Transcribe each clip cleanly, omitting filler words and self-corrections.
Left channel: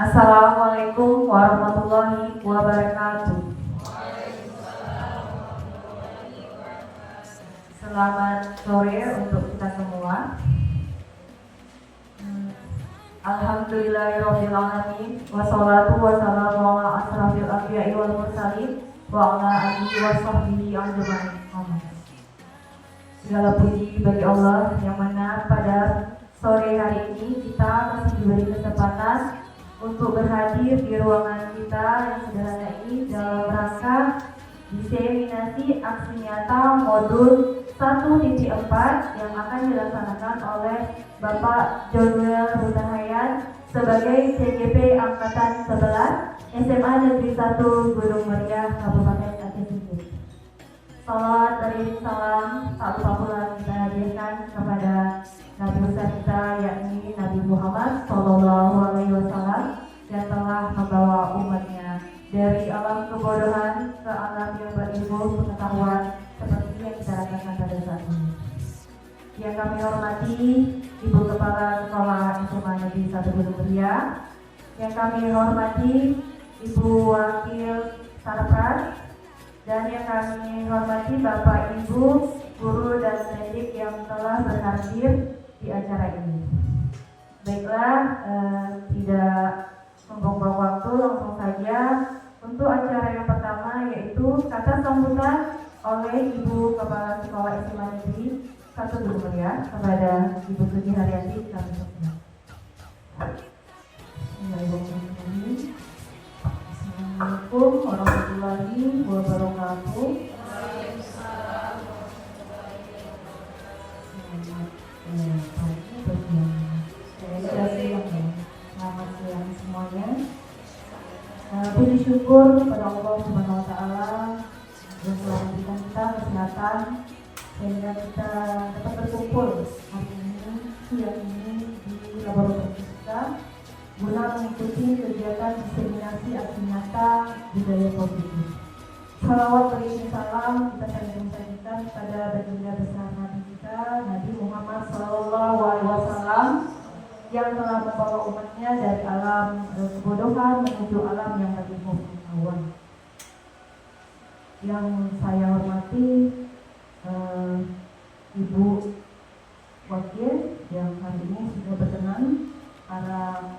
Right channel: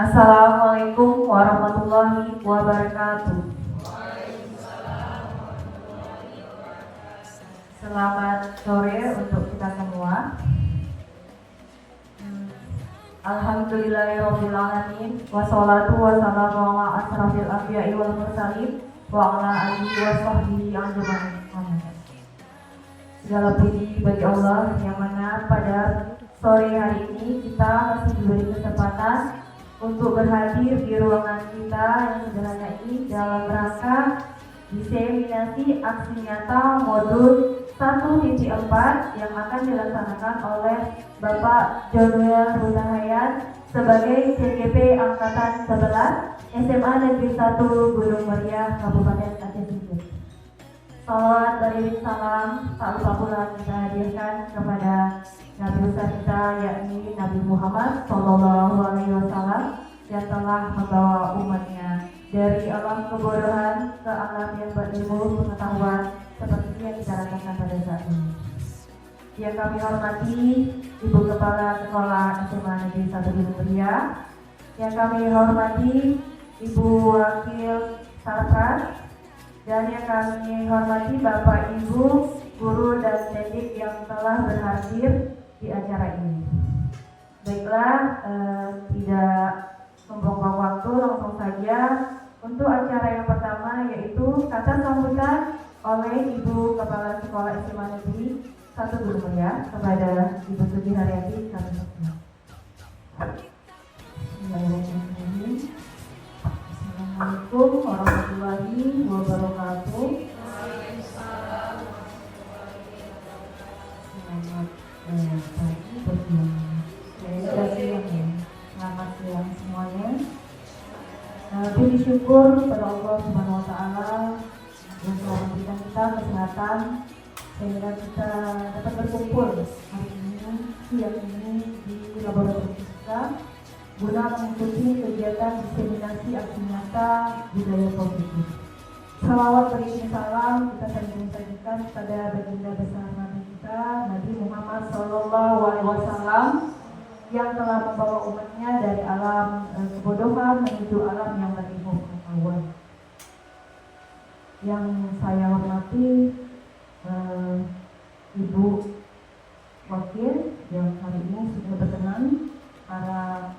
Assalamualaikum warahmatullahi wabarakatuh. Selamat sore untuk kita semua. Alhamdulillahirrahmanirrahim. Wassalatu wassalamu ala asrafil anbiya'i wal mursalin wa ala alihi wa sahbihi ajma'in. Segala puji bagi Allah yang mana pada sore hari ini kita masih diberi kesempatan untuk berhadir di ruangan kita yang sederhana ini dalam rangka diseminasi aksi nyata modul 1.4 yang akan dilaksanakan oleh Bapak Jonuel Hutahayan sebagai CGP Angkatan 11 SMA Negeri 1 Gunung Meriah Kabupaten Aceh Timur. Salawat dari salam tak lupa pula kita hadirkan kepada Nabi besar kita yakni Nabi Muhammad Sallallahu Alaihi Wasallam yang telah membawa umatnya dari alam kebodohan ke alam yang berilmu pengetahuan seperti yang kita rasakan pada saat ini. Yang kami hormati Ibu Kepala Sekolah SMA Negeri 1 Gunung Meriah, yang kami hormati Ibu Wakil Sarpras, dan yang kami hormati Bapak Ibu guru dan pendidik yang telah berhadir di acara ini. Baiklah, tidak membuang waktu, langsung saja untuk acara yang pertama, yaitu kata sambutan oleh Ibu Kepala Sekolah SMA Negeri 1 Gunung Meriah kepada Ibu Suci Haryati. Assalamualaikum warahmatullahi wabarakatuh. Selamat siang semuanya. Puji syukur kepada Allah Subhanahu Wa Taala yang telah memberikan kita kesehatan sehingga kita dapat berkumpul hari ini, siang ini di laboratorium kita guna mengikuti kegiatan diseminasi aksi nyata budaya positif. Salawat beriring salam kita sering sajikan pada baginda besar Nabi kita Nabi Muhammad Sallallahu Alaihi Wasallam yang telah membawa umatnya dari alam kebodohan menuju alam yang lebih pengetahuan. Yang saya hormati Ibu Wakil yang hari ini sudah berkenan, para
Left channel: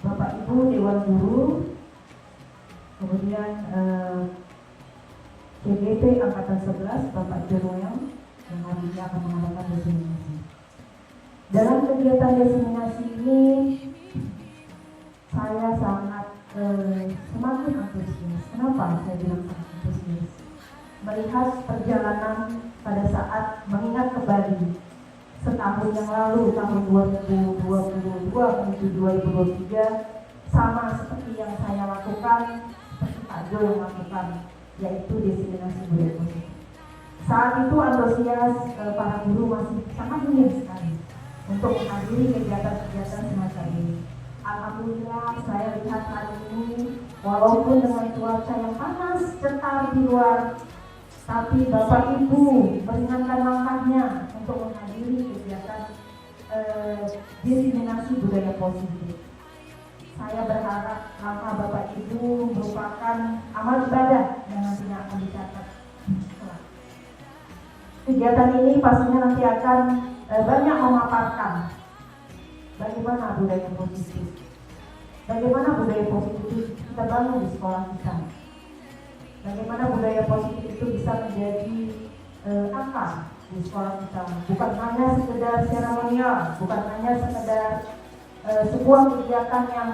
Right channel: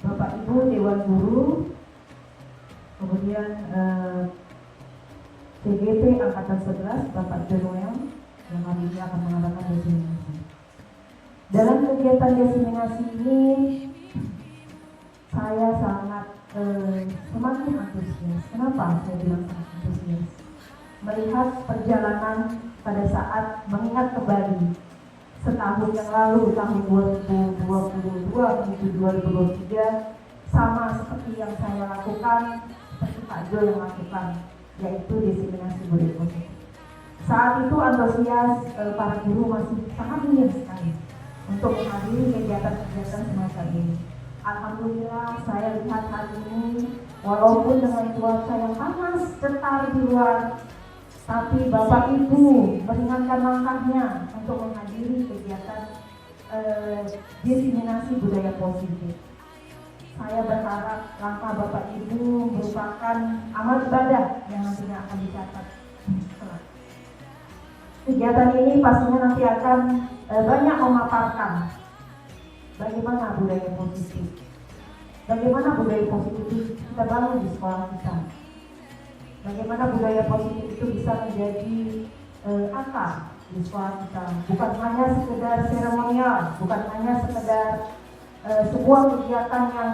Bapak Ibu Dewan Guru, kemudian CGP Angkatan 11 Bapak Jonuel yang hari ini akan mengadakan diseminasi. Dalam kegiatan diseminasi ini saya sangat semakin antusias. Kenapa saya bilang sangat antusias? Melihat perjalanan pada saat mengingat kembali setahun yang lalu, tahun 2022 menuju 2023, sama seperti yang saya lakukan, seperti Pak Jo yang lakukan, yaitu diseminasi budaya positif. Saat itu antusias para guru masih sangat minim sekali untuk menghadiri kegiatan-kegiatan semacam ini. Alhamdulillah saya lihat hari ini walaupun dengan cuaca yang panas cetar di luar, tapi Bapak Ibu meringankan langkahnya untuk menghadiri kegiatan diseminasi budaya positif. Saya berharap langkah Bapak Ibu merupakan amal ibadah yang nantinya akan dicatat. Kegiatan ini pastinya nanti akan banyak memaparkan bagaimana budaya positif, bagaimana budaya positif kita bangun di sekolah kita, bagaimana budaya positif itu bisa menjadi akar di sekolah kita, bukan hanya sekedar seremonial, bukan hanya sekedar sebuah kegiatan yang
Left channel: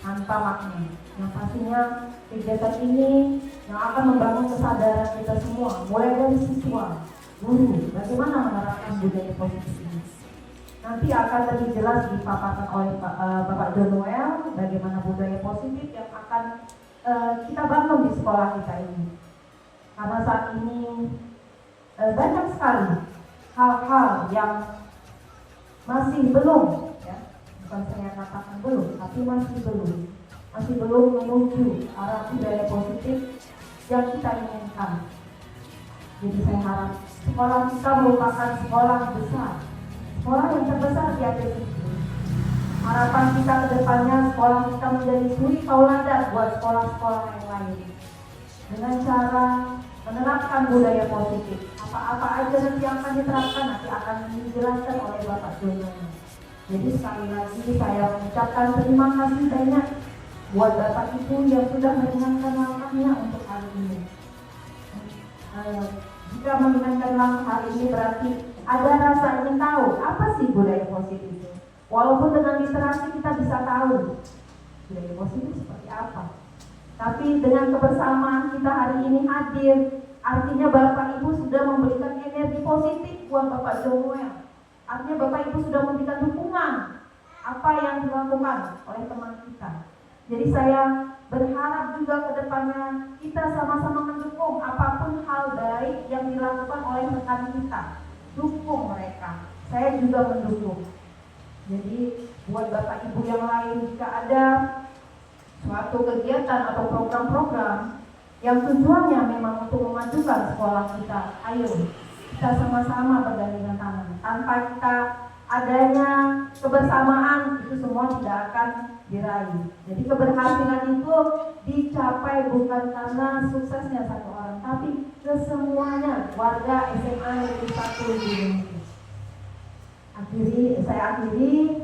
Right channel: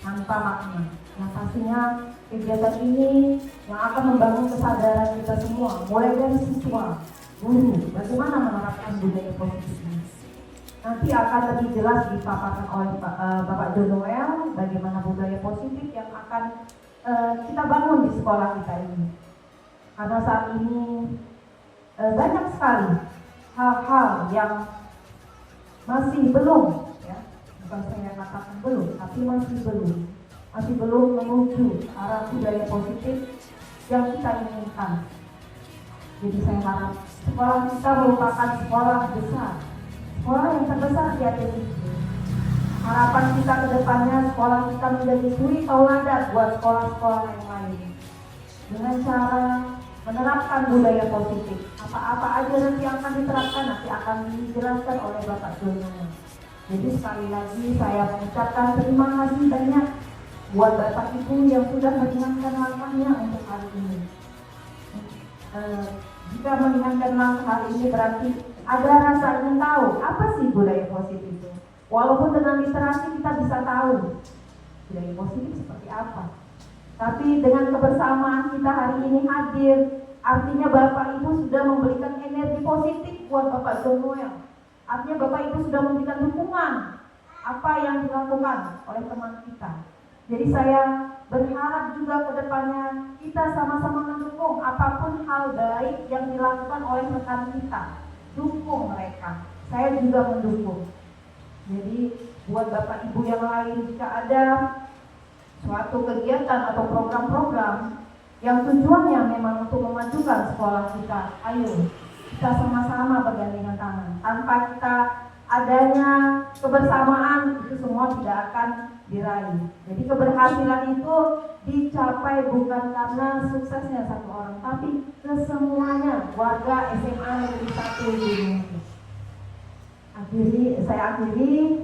tanpa makna. Yang pastinya kegiatan ini yang akan membangun kesadaran kita semua, mulai dari siswa, guru, bagaimana menerapkan budaya positif ini. Nanti akan lebih jelas dipaparkan oleh Bapak Jonuel bagaimana budaya positif yang akan kita bangun di sekolah kita ini. Karena saat ini banyak sekali hal-hal yang masih belum, ya, bukan saya katakan belum, tapi masih belum menuju arah budaya positif yang kita inginkan. Jadi saya harap sekolah kita merupakan sekolah besar, sekolah yang terbesar di Aceh Timur. Para harapan kita ke depannya sekolah kita menjadi suri tauladan buat sekolah-sekolah yang lain. Dengan cara menerapkan budaya positif. Apa-apa aja nanti akan diterapkan, nanti akan dijelaskan oleh Bapak Jono. Jadi sekali lagi saya mengucapkan terima kasih banyak buat Bapak Ibu yang sudah meringankan langkahnya untuk hari ini. Jika meringankan langkah hari ini berarti ada rasa ingin tahu apa sih budaya positif itu. Walaupun dengan literasi kita bisa tahu budaya positif seperti apa. Tapi dengan kebersamaan kita hari ini hadir, artinya Bapak Ibu sudah memberikan energi positif buat Bapak Jonoel. Artinya Bapak Ibu sudah memberikan dukungan apa yang dilakukan oleh teman kita. Jadi saya berharap juga ke depannya kita sama-sama mendukung apapun hal baik yang dilakukan oleh rekan kita. Dukung mereka, saya juga mendukung. Jadi buat Bapak Ibu yang lain, jika ada suatu kegiatan atau program-program yang tujuannya memang untuk memajukan sekolah kita, ayo kita sama-sama bergandengan tangan. Tanpa kita adanya kebersamaan, itu semua tidak akan diraih. Jadi keberhasilan itu dicapai bukan karena suksesnya satu orang, tapi kesemuanya warga SMA Negeri 1 di Indonesia. Saya akhiri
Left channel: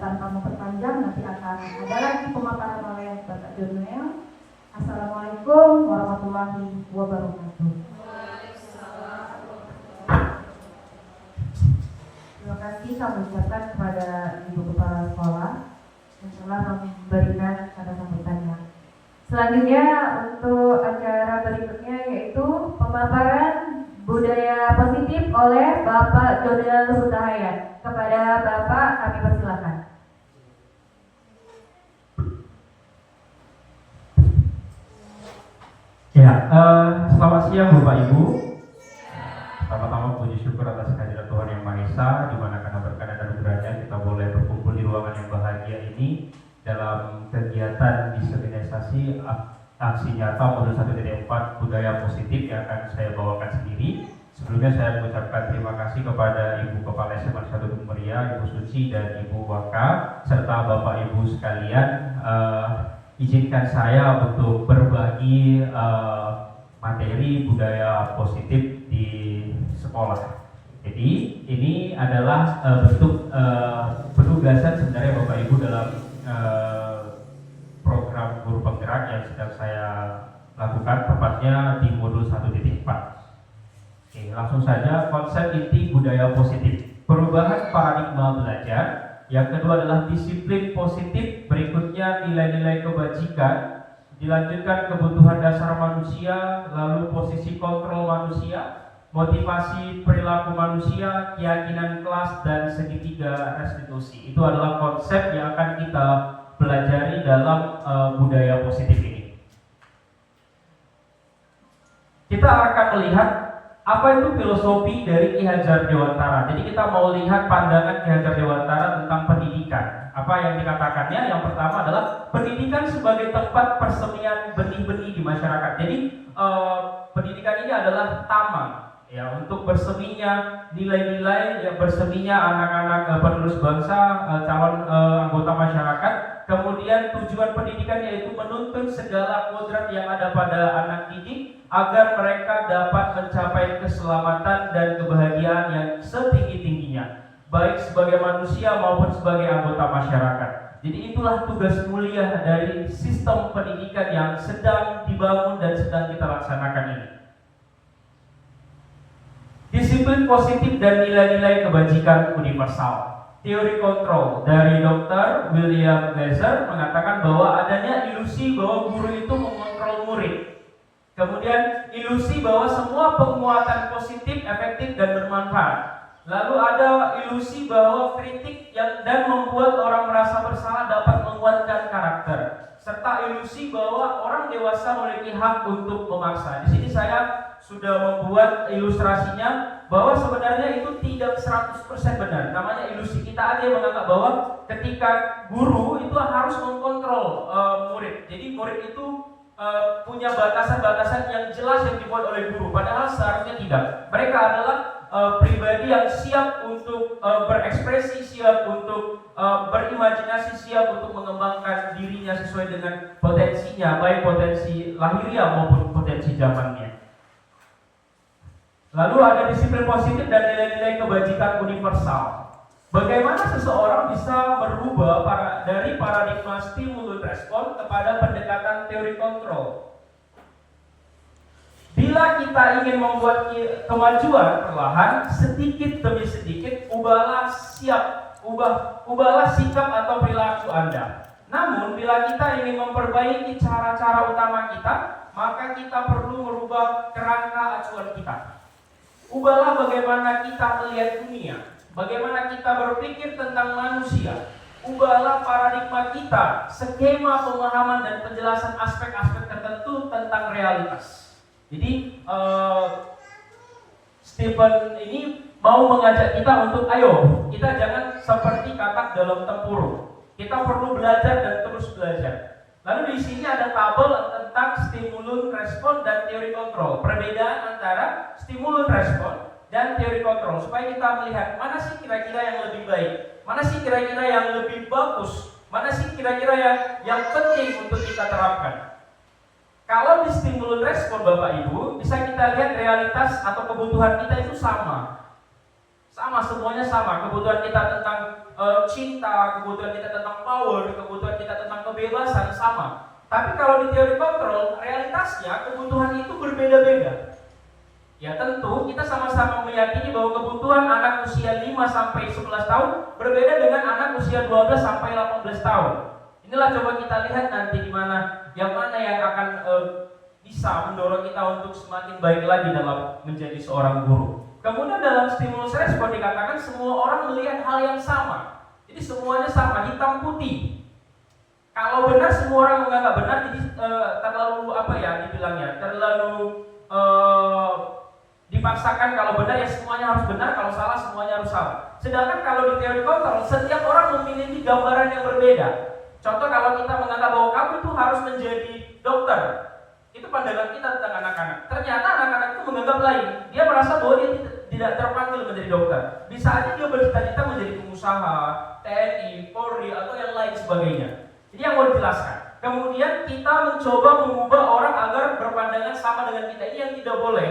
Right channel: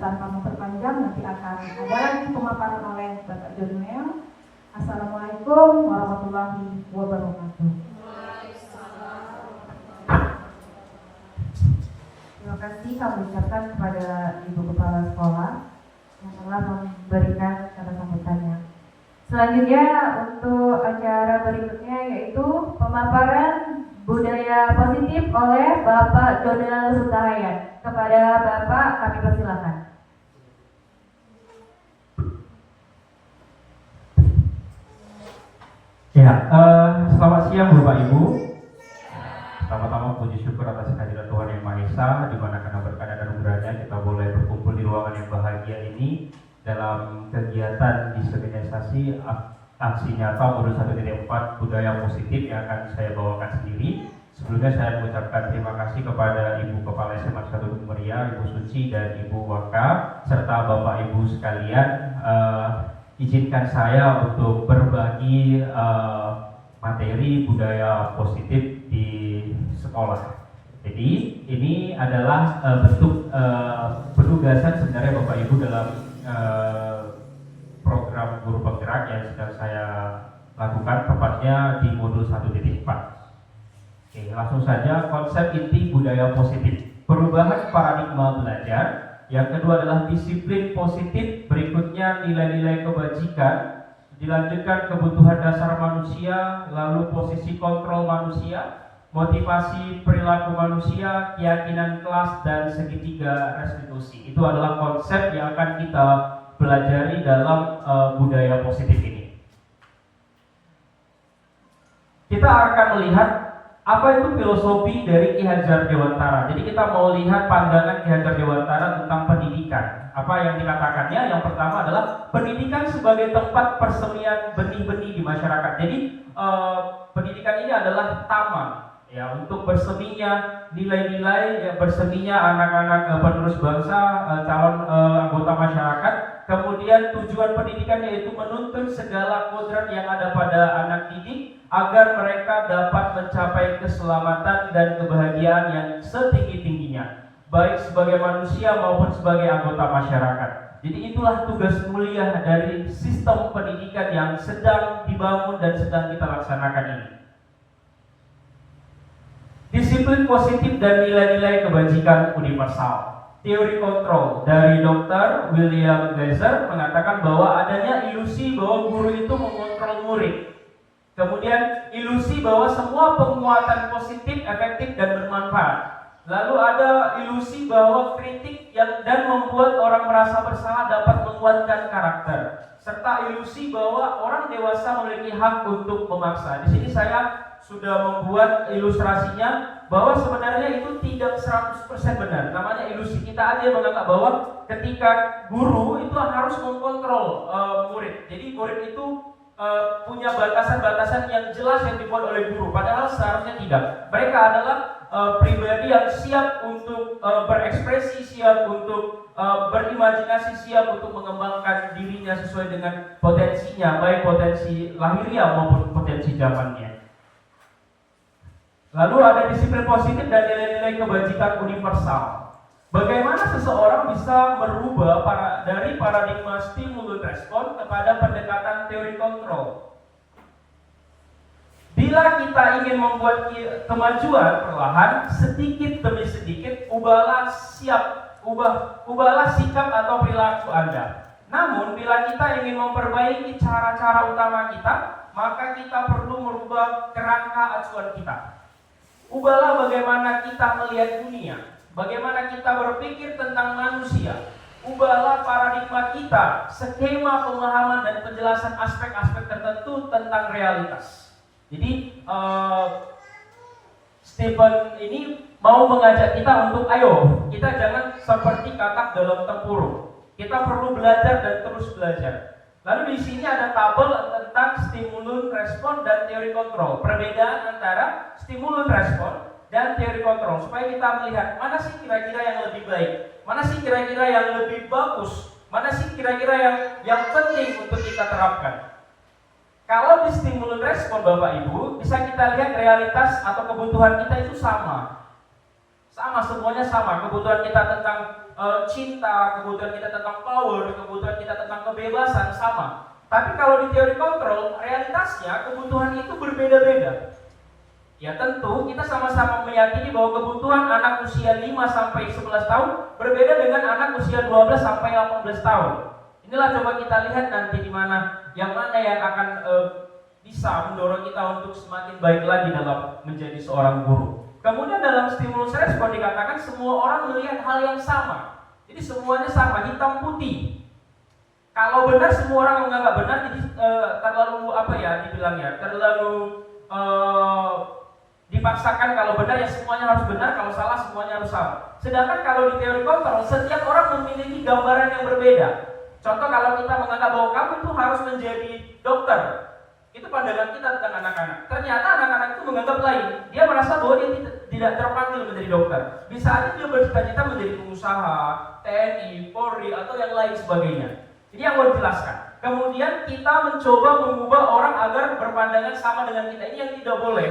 tanpa memperpanjang, nanti akan ada lagi pemaparan oleh Bapak Jonoel. Assalamualaikum warahmatullahi wabarakatuh. Terima kasih kami ucapkan kepada Ibu Kepala Sekolah yang telah memberikan kata sambutannya. Selanjutnya untuk acara berikutnya yaitu pemaparan budaya positif oleh Bapak Jonoel Hutahayat. Kepada Bapak kami persilakan. Ya, selamat siang Bapak Ibu. Pertama-tama puji syukur atas kehadiran Tuhan Yang Maha Esa, di mana karena berkah dan anugerahnya kita boleh berkumpul di ruangan yang bahagia ini dalam kegiatan diseminisasi aksi nyata modul 1.4 budaya positif yang akan saya bawakan sendiri. Sebelumnya saya mengucapkan terima kasih kepada Ibu Kepala SMA 1 Dumeria, Ibu Suci dan Ibu Waka, serta Bapak Ibu sekalian. Izinkan saya untuk berbagi materi budaya positif di sekolah. Jadi ini adalah bentuk penugasan sebenarnya Bapak Ibu dalam program guru penggerak yang sedang saya lakukan, tepatnya di modul 1.4. Oke, langsung saja konsep inti budaya positif. Perubahan paradigma belajar. Yang kedua adalah disiplin positif. Berikutnya nilai-nilai kebajikan. Dilanjutkan kebutuhan dasar manusia, lalu posisi kontrol manusia, motivasi perilaku manusia, keyakinan kelas, dan segitiga restitusi. Itu adalah konsep yang akan kita pelajari dalam budaya positif ini. Kita akan melihat apa itu filosofi dari Ki Hajar Dewantara. Jadi kita mau lihat pandangan Ki Hajar Dewantara tentang pendidikan. Apa yang dikatakannya? Yang pertama adalah pendidikan sebagai tempat persemian benih-benih di masyarakat. Jadi pendidikan ini adalah taman ya untuk berseminya nilai-nilai, ya berseminya anak-anak penerus bangsa, calon anggota masyarakat. Kemudian tujuan pendidikan yaitu menuntun segala kodrat yang ada pada anak didik agar mereka dapat mencapai keselamatan dan kebahagiaan yang setinggi-tingginya, baik sebagai manusia maupun sebagai anggota masyarakat. Jadi itulah tugas mulia dari sistem pendidikan yang sedang dibangun dan sedang kita laksanakan ini. Disiplin positif dan nilai-nilai kebajikan universal. Teori kontrol dari Dr. William Glasser mengatakan bahwa adanya ilusi bahwa guru itu mengontrol murid. Kemudian ilusi bahwa semua penguatan positif, efektif, dan bermanfaat. Lalu ada ilusi bahwa kritik dan membuat orang merasa bersalah dapat menguatkan karakter. Serta ilusi bahwa orang dewasa memiliki hak untuk memaksa. Di sini saya sudah membuat ilustrasinya bahwa sebenarnya itu tidak 100% benar. Namanya ilusi. Kita aja yang menganggap bahwa ketika guru itu harus mengkontrol murid. Jadi murid itu punya batasan-batasan yang jelas yang dibuat oleh guru, padahal seharusnya tidak. Mereka adalah pribadi yang siap untuk berekspresi, siap untuk berimajinasi, siap untuk mengembangkan dirinya sesuai dengan potensinya, baik potensi lahiriah maupun potensi zamannya. Lalu ada disiplin positif dan nilai-nilai kebajikan universal. Bagaimana seseorang bisa merubah dari paradigma stimulus respon kepada pendekatan teori kontrol? Bila kita ingin membuat kemajuan perlahan, sedikit demi sedikit, ubahlah sikap atau perilaku Anda. Namun, bila kita ingin memperbaiki cara-cara utama kita, maka kita perlu merubah kerangka acuan kita. Ubahlah bagaimana kita melihat dunia, bagaimana kita berpikir tentang manusia. Ubahlah paradigma kita, skema pemahaman dan penjelasan aspek-aspek tertentu tentang realitas. Jadi Stephen ini mau mengajak kita untuk ayo, kita jangan seperti katak dalam tempurung. Kita perlu belajar dan terus belajar. Lalu di sini ada tabel tentang stimulus respon dan teori kontrol. Perbedaan antara stimulus respon dan teori kontrol supaya kita melihat mana sih kira-kira yang lebih baik, mana sih kira-kira yang lebih bagus, mana sih kira-kira yang penting untuk kita terapkan. Kalau di stimulus respon Bapak Ibu, bisa kita lihat realitas atau kebutuhan kita itu sama. Semuanya sama. Kebutuhan kita tentang cinta, kebutuhan kita tentang power, kebutuhan kita tentang kebebasan sama. Tapi kalau di teori kontrol, realitasnya kebutuhan itu berbeda-beda. Ya tentu kita sama-sama meyakini bahwa kebutuhan anak usia 5-11 tahun berbeda dengan anak usia 12-18 tahun. Inilah coba kita lihat nanti di mana yang akan bisa mendorong kita untuk semakin baik lagi dalam menjadi seorang guru. Kemudian dalam stimulus respon dikatakan semua orang melihat hal yang sama. Jadi semuanya sama, hitam putih. Kalau benar semua orang menganggap benar, jadi terlalu terlalu dipaksakan. Kalau benar ya semuanya harus benar, kalau salah semuanya harus salah. Sedangkan kalau di teori kontrol, setiap orang memiliki gambaran yang berbeda. Contoh kalau kita menganggap bahwa kamu tuh harus menjadi dokter, itu pandangan kita tentang anak-anak. Ternyata anak-anak itu menganggap lain. Dia merasa bahwa dia tidak terpanggil menjadi dokter. Bisa aja dia bercita-cita menjadi pengusaha, TNI, Polri, atau yang lain sebagainya. Jadi yang mau dijelaskan. Kemudian kita mencoba mengubah orang agar berpandangan sama dengan kita. Ini yang tidak boleh.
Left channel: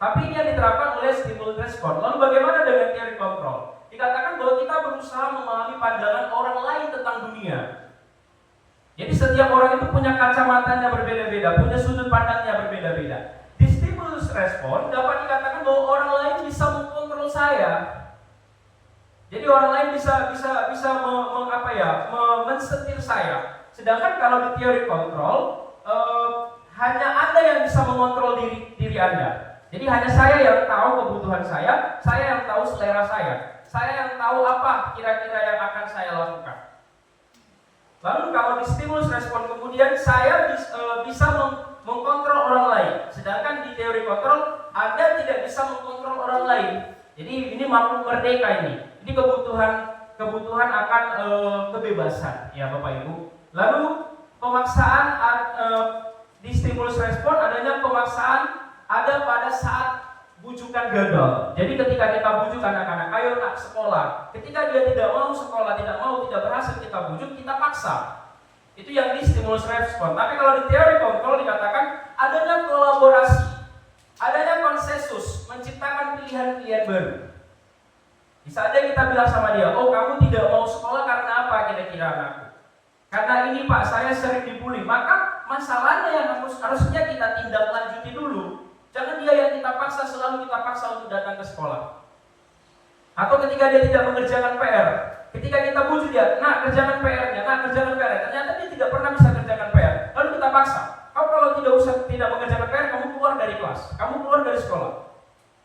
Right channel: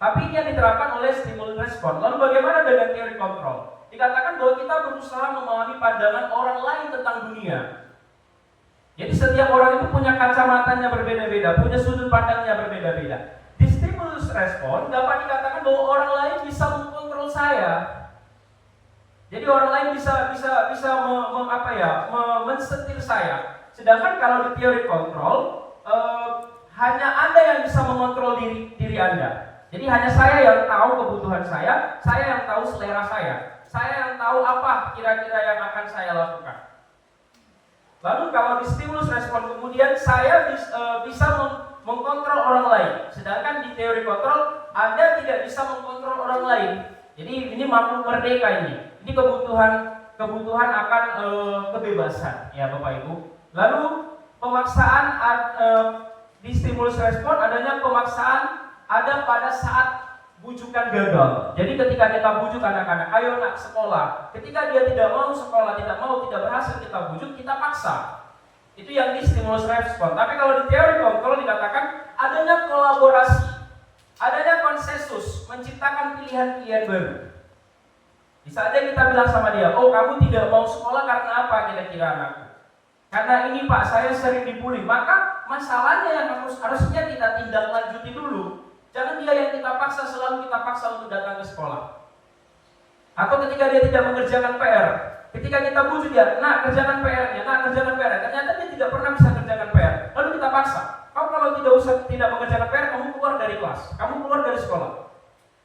Tapi ini yang diterapkan oleh stimulus respon. Lalu bagaimana dengan teori kontrol? Dikatakan bahwa kita berusaha memahami pandangan orang lain tentang dunia. Jadi setiap orang itu punya kacamatanya berbeda-beda, punya sudut pandangnya berbeda-beda. Di stimulus respon dapat dikatakan bahwa orang lain bisa mengkontrol saya. Jadi orang lain bisa mensetir saya. Sedangkan kalau di teori kontrol hanya Anda yang bisa mengontrol diri Anda. Jadi hanya saya yang tahu kebutuhan saya yang tahu selera saya yang tahu apa kira-kira yang akan saya lakukan. Lalu kalau di stimulus respon kemudian saya bisa mengkontrol orang lain. Sedangkan di teori kontrol Anda tidak bisa mengkontrol orang lain. Jadi ini makhluk merdeka ini. Ini kebutuhan akan kebebasan ya Bapak Ibu. Lalu pemaksaan di stimulus respon adanya pemaksaan ada pada saat bujukan gagal. Jadi ketika kita bujuk anak-anak, ayo nak sekolah. Ketika dia tidak mau sekolah, tidak berhasil kita bujuk, kita paksa. Itu yang di stimulus respon. Tapi kalau di teori kontrol dikatakan adanya kolaborasi, adanya konsensus, menciptakan pilihan-pilihan baru. Bisa aja kita bilang sama dia, oh kamu tidak mau sekolah karena apa kira-kira anakku? Karena ini Pak, saya sering dibully. Maka masalahnya yang harusnya kita tindak lanjuti dulu. Jangan dia yang kita paksa, selalu kita paksa untuk datang ke sekolah. Atau ketika dia tidak mengerjakan PR, ketika kita bujuk dia, nak kerjakan PR-nya, ternyata dia tidak pernah bisa kerjakan PR. Lalu kita paksa, kamu kalau tidak mengerjakan PR, kamu keluar dari kelas, kamu keluar dari sekolah.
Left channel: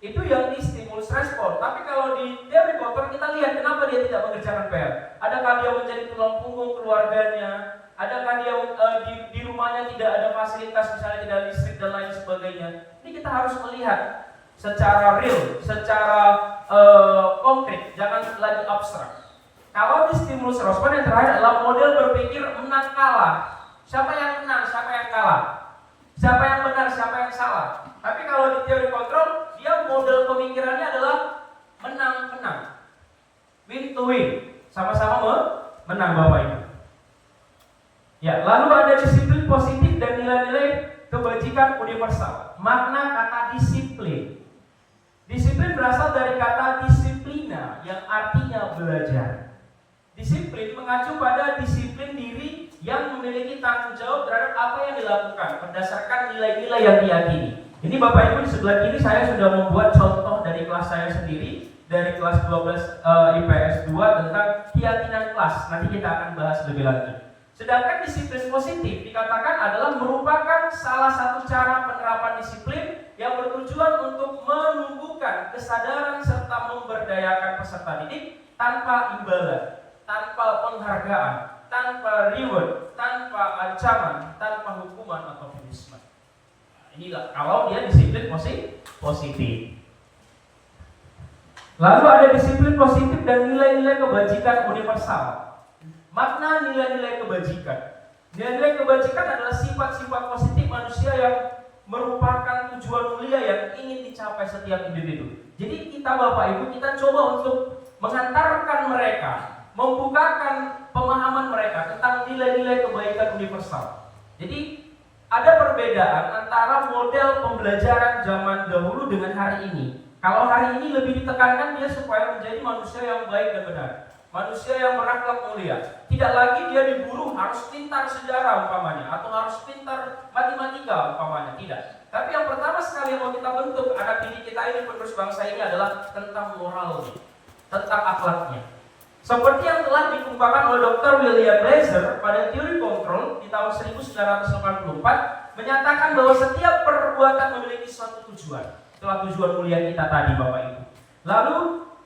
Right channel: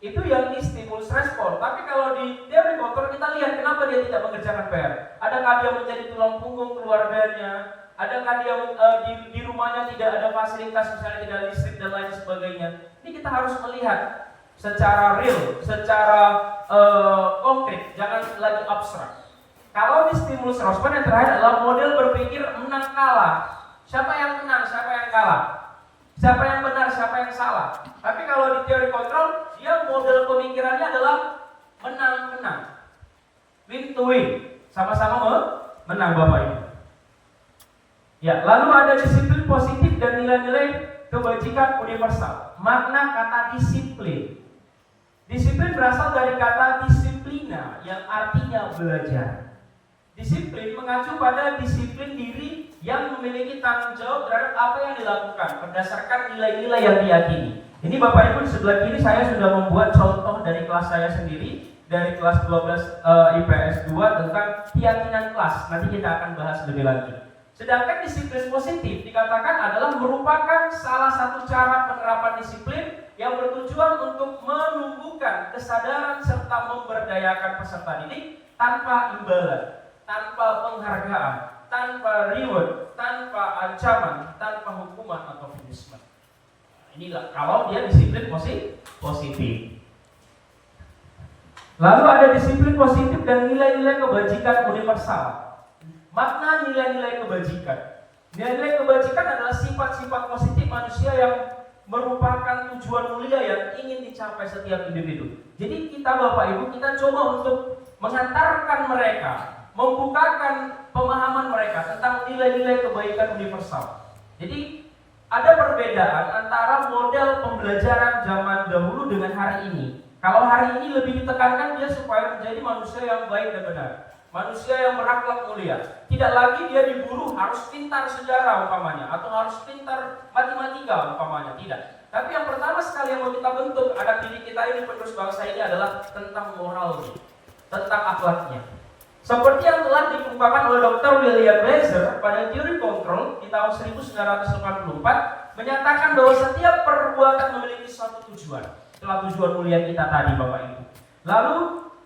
Itu yang di stimulus respon. Tapi kalau di teori kontrol kita lihat kenapa dia tidak mengerjakan PR. Adakah dia menjadi tulang punggung keluarganya? Adakah dia di rumahnya tidak ada fasilitas, misalnya tidak listrik dan lain sebagainya. Ini kita harus melihat secara real, secara konkret, jangan lagi abstrak. Kalau di stimulus respon yang terakhir adalah model berpikir menang kalah. Siapa yang menang, siapa yang kalah? Siapa yang benar, siapa yang salah? Tapi kalau di teori kontrol, dia model pemikirannya adalah menang-menang. Win to win. Sama-sama menang Bapak Ibu. Ya, lalu ada disiplin positif dan nilai-nilai kebajikan universal. Makna kata disiplin. Disiplin berasal dari kata disiplina yang artinya belajar. Disiplin mengacu pada disiplin diri yang memiliki tanggung jawab terhadap apa yang dilakukan berdasarkan nilai-nilai yang diyakini. Ini Bapak Ibu di sebelah kiri saya sudah membuat contoh dari kelas saya sendiri, dari kelas 12 IPS 2 tentang keyakinan kelas. Nanti kita akan bahas lebih lanjut. Sedangkan disiplin positif dikatakan adalah merupakan salah satu cara penerapan disiplin yang bertujuan untuk menumbuhkan kesadaran serta memberdayakan peserta didik tanpa imbalan, tanpa penghargaan, tanpa reward, tanpa ancaman, tanpa hukuman atau punishment. Inilah kalau dia disiplin positif. Lalu ada disiplin positif dan nilai-nilai kebajikan universal. Makna nilai-nilai kebajikan. Nilai-nilai kebajikan adalah sifat-sifat positif manusia yang merupakan tujuan mulia yang ingin dicapai setiap individu. Jadi kita Bapak Ibu, kita coba untuk mengantarkan mereka, membukakan pemahaman mereka tentang nilai-nilai kebaikan universal. Jadi ada perbedaan antara model pembelajaran zaman dahulu dengan hari ini. Kalau hari ini lebih ditekankan dia supaya menjadi manusia yang baik dan benar, manusia yang berakhlak mulia. Tidak lagi dia diburu harus pintar sejarah umpamanya, atau harus pintar matematika umpamanya. Tidak. Tapi yang pertama sekali yang mau kita bentuk anak didik kita ini, penerus bangsa ini adalah tentang moralnya, tentang akhlaknya. Seperti yang telah dikemukakan oleh Dr. William Blazer pada teori kontrol di tahun 1984, menyatakan bahwa setiap perbuatan memiliki suatu tujuan. Itulah tujuan mulia kita tadi Bapak Ibu. Lalu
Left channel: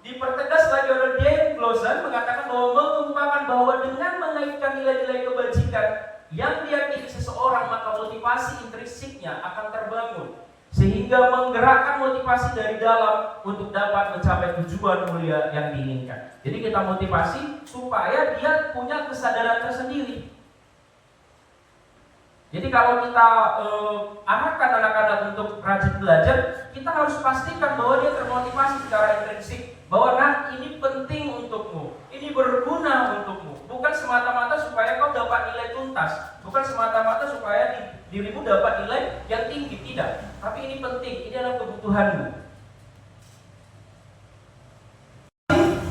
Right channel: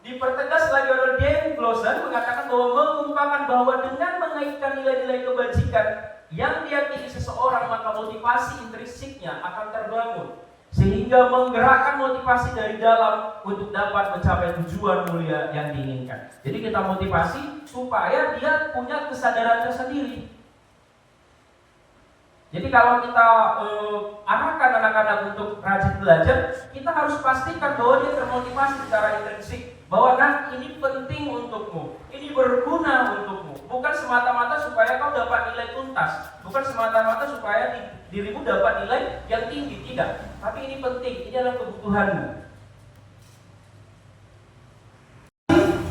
dipertegas lagi oleh Dan Glosser mengatakan bahwa mengungkapkan bahwa dengan mengaitkan nilai-nilai kebajikan yang diyakini seseorang, maka motivasi intrinsiknya akan terbangun sehingga menggerakkan motivasi dari dalam untuk dapat mencapai tujuan mulia yang diinginkan. Jadi kita motivasi supaya dia punya kesadaran tersendiri. Jadi kalau kita arahkan anak-anak untuk rajin belajar, kita harus pastikan bahwa dia termotivasi secara intrinsik, bahwa ini penting untukmu, ini berguna untukmu, bukan semata-mata supaya kau dapat nilai tuntas, bukan semata-mata supaya dirimu dapat nilai yang tinggi, tidak. Tapi ini penting, ini adalah kebutuhanmu.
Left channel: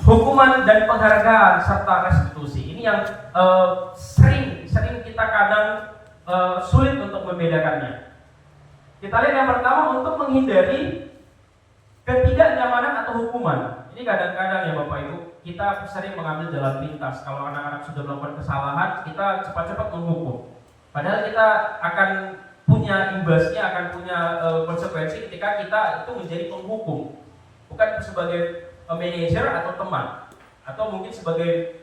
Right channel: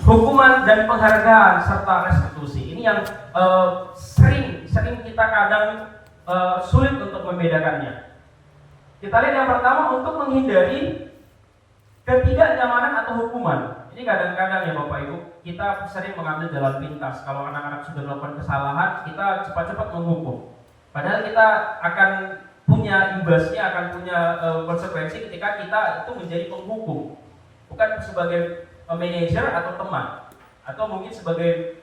Hukuman dan penghargaan serta restitusi ini yang sering kita kadang sulit untuk membedakannya. Kita lihat yang pertama, untuk menghindari ketidaknyamanan atau hukuman. Ini kadang-kadang ya Bapak Ibu, kita sering mengambil jalan pintas. Kalau anak-anak sudah melakukan kesalahan, kita cepat-cepat menghukum. Padahal kita akan punya imbasnya, akan punya konsekuensi ketika kita itu menjadi penghukum, bukan sebagai manajer atau teman, atau mungkin sebagai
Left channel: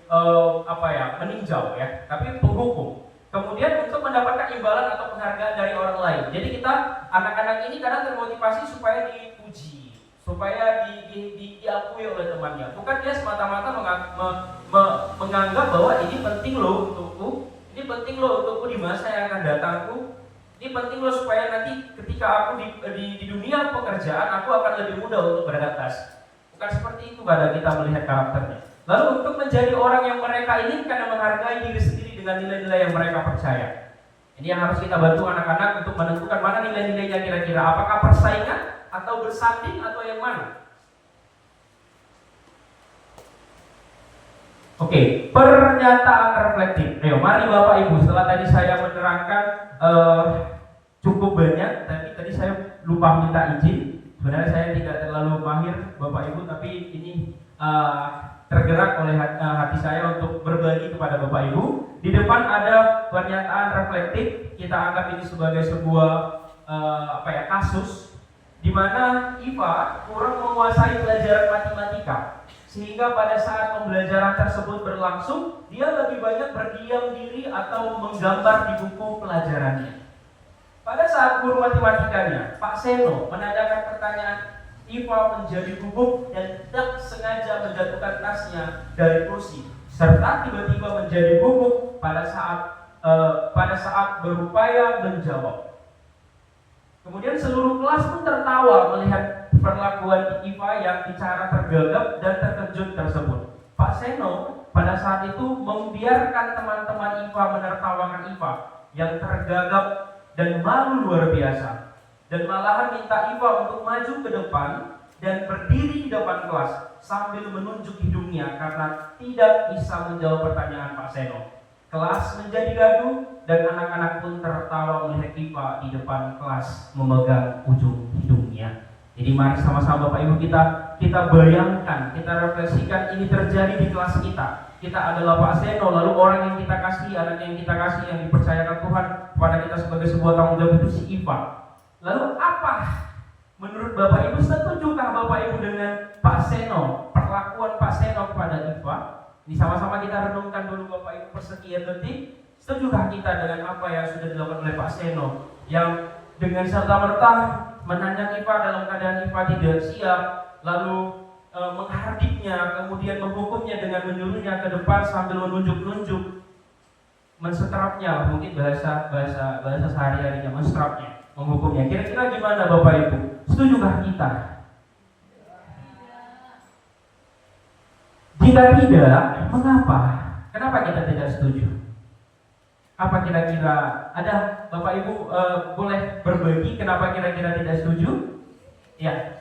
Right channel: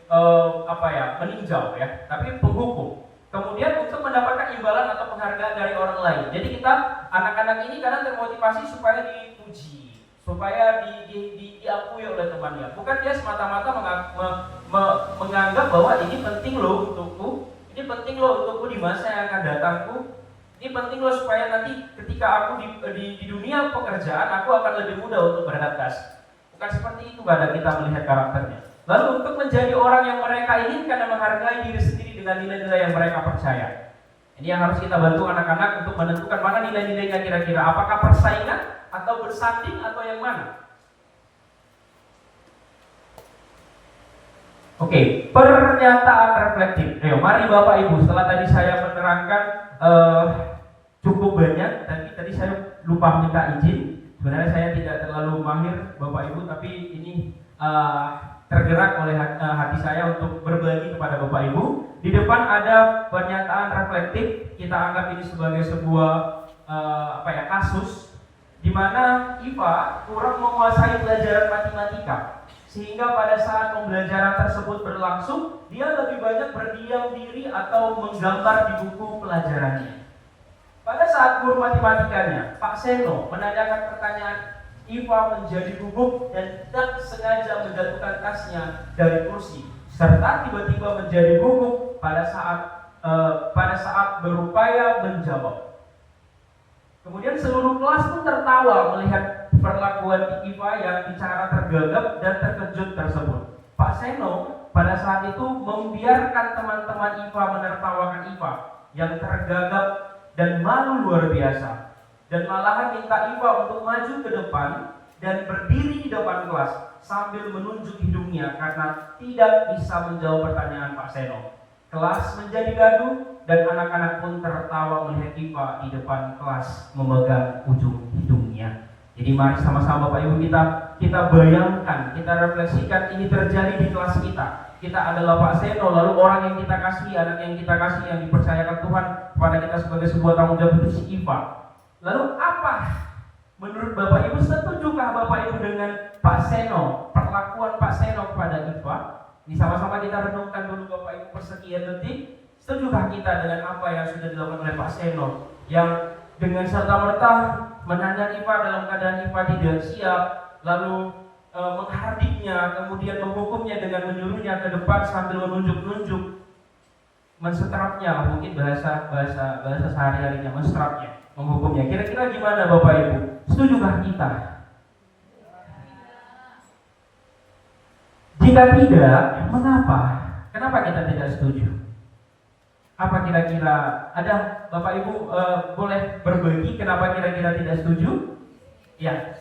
meninjau ya, tapi penghukum. Kemudian untuk mendapatkan imbalan atau penghargaan dari orang lain. Jadi kita, anak-anak ini kadang termotivasi supaya dipuji, supaya diakui oleh temannya. Bukan dia semata-mata menganggap bahwa ini penting loh untukku, ini penting loh untukku di masa yang akan datangku, ini penting loh supaya nanti ketika aku di dunia pekerjaan aku akan lebih mudah untuk beradaptasi. Bukan seperti itu pada kita melihat karakternya. Lalu untuk menjadi orang yang mereka inginkan dan menghargai diri sendiri dengan nilai-nilai yang mereka percaya. Ini yang harus kita bantu anak-anak untuk menentukan mana nilai-nilainya kira-kira. Apakah persaingan atau bersanding atau yang mana? Oke, pernyataan reflektif. Ayo, mari Bapak Ibu, setelah tadi saya menerangkan cukup banyak, tapi tadi saya lupa minta izin. Sebenarnya saya tidak terlalu mahir Bapak Ibu, tapi ini tergerak oleh hati saya untuk berbagi kepada Bapak Ibu. Di depan ada pernyataan reflektif. Kita anggap ini sebagai sebuah kasus di mana Iva kurang menguasai pelajaran matematika, sehingga pada saat pembelajaran tersebut berlangsung dia lebih banyak berdiam diri atau menggambar di buku pelajarannya. Pada saat guru matematikanya, Pak Seno, menanyakan pertanyaan, Iva menjadi gugup dan tidak sengaja menjatuhkan tasnya dari kursi, serta tiba-tiba menjadi gugup pada saat berupaya menjawab. Kemudian seluruh kelas pun tertawa melihat perlakuan IPA yang bicara tergagap dan terkejut tersebut. Pak Seno pada saat itu membiarkan teman-teman IPA menertawakan IPA yang tergagap dan malu luar biasa, dan malahan minta IPA untuk maju ke depan dan berdiri di depan kelas sambil menunjuk hidungnya karena tidak bisa menjawab pertanyaan Pak Seno. Kelas menjadi gaduh dan anak-anak pun tertawa melihat IPA di depan kelas memegang ujung hidungnya. Jadi mari sama-sama Bapak Ibu kita bayangkan, kita refleksikan ini terjadi di kelas kita. Kita adalah Pak Seno, lalu orang yang kita kasih, anak yang kita kasih, yang dipercayakan Tuhan kepada kita sebagai sebuah tanggung jawab itu si IPA. Lalu apa menurut Bapak Ibu, setujukah Bapak Ibu dengan Pak Seno, perlakuan Pak Seno kepada IPA? Ini sama-sama kita renungkan dulu Bapak Ibu persekian detik. Setujukah kita dengan apa yang sudah dilakukan oleh Pak Seno, yang dengan serta-merta menanya IPA dalam keadaan IPA tidak siap, lalu menghardiknya, kemudian menghukumnya dengan menyuruhnya ke depan sambil menunjuk-nunjuk, mensetrapnya, mungkin bahasa sehari-harinya, mensetrapnya, menghukumnya. Kira-kira gimana Bapak Ibu? Setujukah kita? Jika tidak, mengapa? Kenapa kita tidak setuju? Apa kira-kira ada Bapak Ibu boleh berbagi kenapa kira-kira tidak setuju? Ya.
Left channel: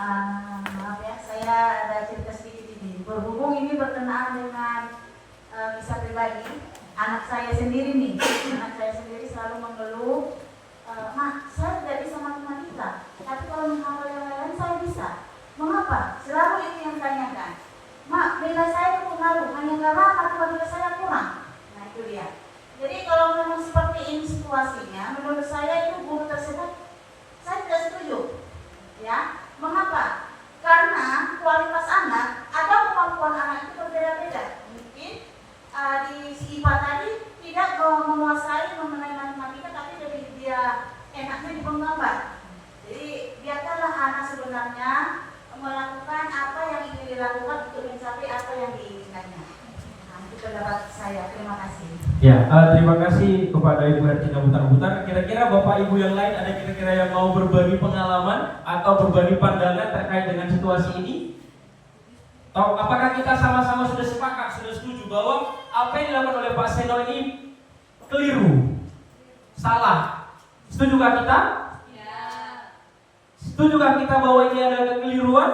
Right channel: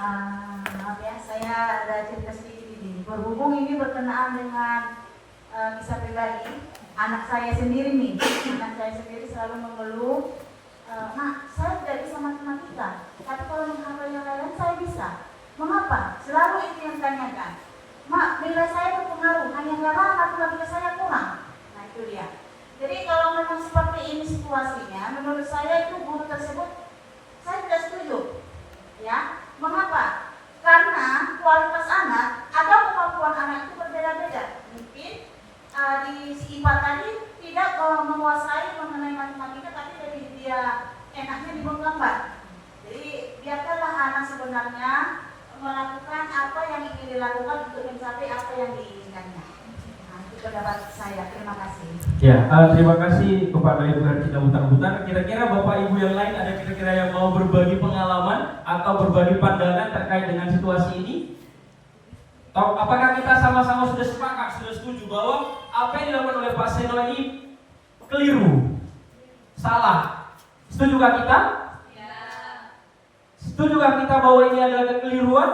Maaf ya, saya ada cerita sedikit ini. Berhubung ini berkenaan dengan kisah pribadi, anak saya sendiri nih. Anak saya sendiri selalu mengeluh, Mak, saya tidak bisa matematika, tapi kalau menghafal yang lain saya bisa. Mengapa? Selalu itu yang tanyakan. Mak, nilai saya terpengaruh hanya karena matematika saya kurang. Nah itu dia. Jadi kalau memang seperti ini situasinya, menurut saya itu guru tersebut saya tidak setuju. Ya. Mengapa? Karena kualitas anak atau kemampuan anak itu berbeda-beda. Mungkin di si IPA tadi tidak menguasai mengenai matematika, tapi dari dia enaknya di menggambar. Jadi biarkanlah anak sebenarnya melakukan apa yang ingin dilakukan untuk mencapai apa yang diinginkannya. Nah, itu pendapat saya. Terima kasih. Ya, terima kasih kepada Ibu Hercina Butar-Butar. Kira-kira Bapak Ibu yang lain ada kira-kira yang mau berbagi pengalaman atau berbagi pandangan terkait dengan situasi ini? Atau apakah kita sama-sama sudah sepakat, sudah setuju bahwa apa yang dilakukan oleh Pak Seno ini keliru, salah? Setujukah kita? Ya. Setujukah kita bahwa ini adalah kekeliruan?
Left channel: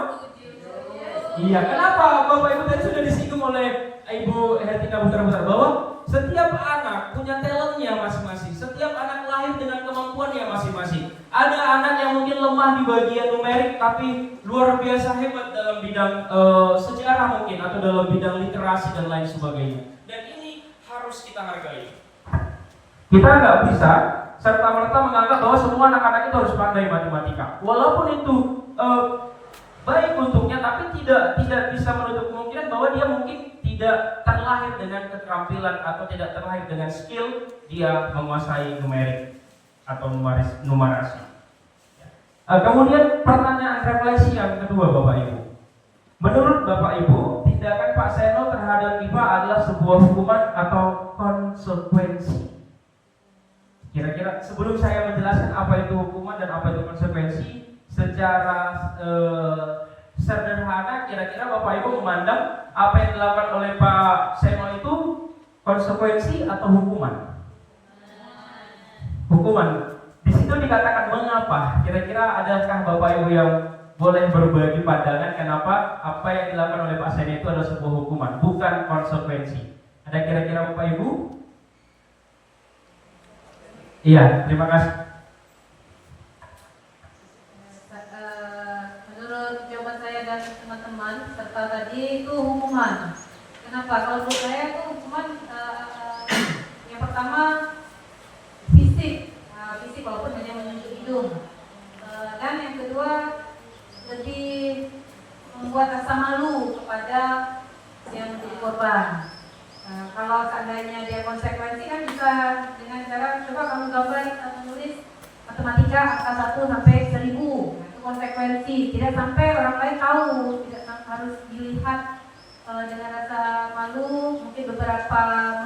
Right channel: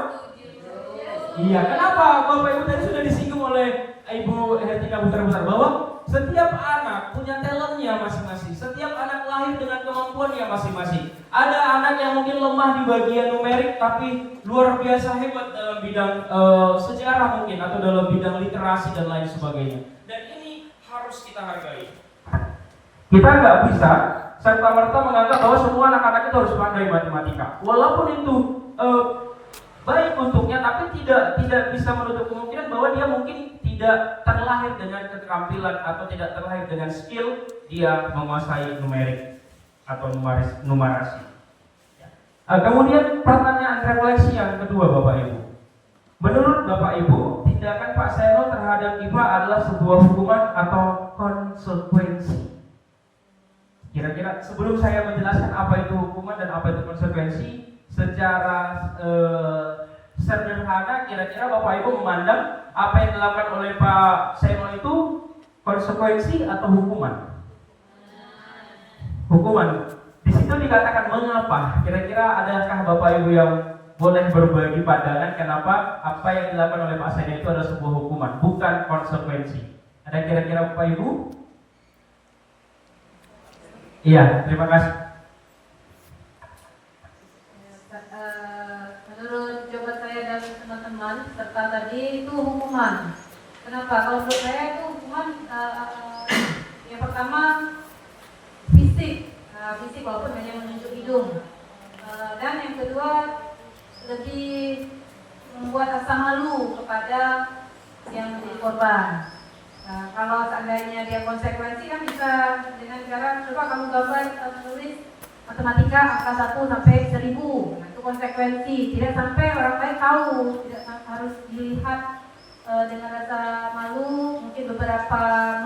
Iya. Kenapa Bapak Ibu tadi sudah disinggung oleh Ibu Hercina Butar-Butar bahwa setiap anak punya talentnya masing-masing. Setiap anak lahir dengan kemampuannya masing-masing. Ada anak yang mungkin lemah di bagian numerik tapi luar biasa hebat dalam bidang sejarah mungkin, atau dalam bidang literasi dan lain sebagainya. Dan ini harus kita hargai. Kita nggak bisa serta-merta menganggap bahwa semua anak-anak itu harus pandai matematika. Walaupun itu baik untuknya, tapi tidak bisa menutup kemungkinan bahwa dia mungkin tidak terlahir dengan keterampilan atau tidak terlahir dengan skill dia menguasai numerik atau numerasi. Kemudian pertanyaan refleksi yang kedua Bapak Ibu. Menurut Bapak Ibu, tindakan Pak Seno terhadap IPA adalah sebuah hukuman atau konsekuensi? Kira-kira sebelum saya menjelaskan apa itu hukuman dan apa itu konsekuensi, secara sederhana kira-kira Bapak Ibu memandang apa yang dilakukan oleh Pak Seno itu konsekuensi atau hukuman? Hukuman. Di situ dikatakan mengapa. Kira-kira adakah Bapak Ibu yang boleh berbagi pandangan kenapa apa yang dilakukan oleh Pak Seno itu adalah sebuah hukuman, bukan konsekuensi? Ada kira-kira Bapak Ibu? Iya, terima kasih. Menurut jawaban saya dan teman-teman serta tadi itu hukuman. Kenapa? Kalau menurut saya itu hukuman yang pertama fisik, walaupun hanya menunjuk hidung, dan yang kedua lebih membuat rasa malu kepada yang menjadi korban. Kalau seandainya dia konsekuensi kan bisa dengan cara coba kamu gambar atau menulis matematika angka 1 sampai 1000. Nah, itu konsekuensi. Tidak sampai orang lain tahu, tidak harus dilihat dengan rasa malu, mungkin beberapa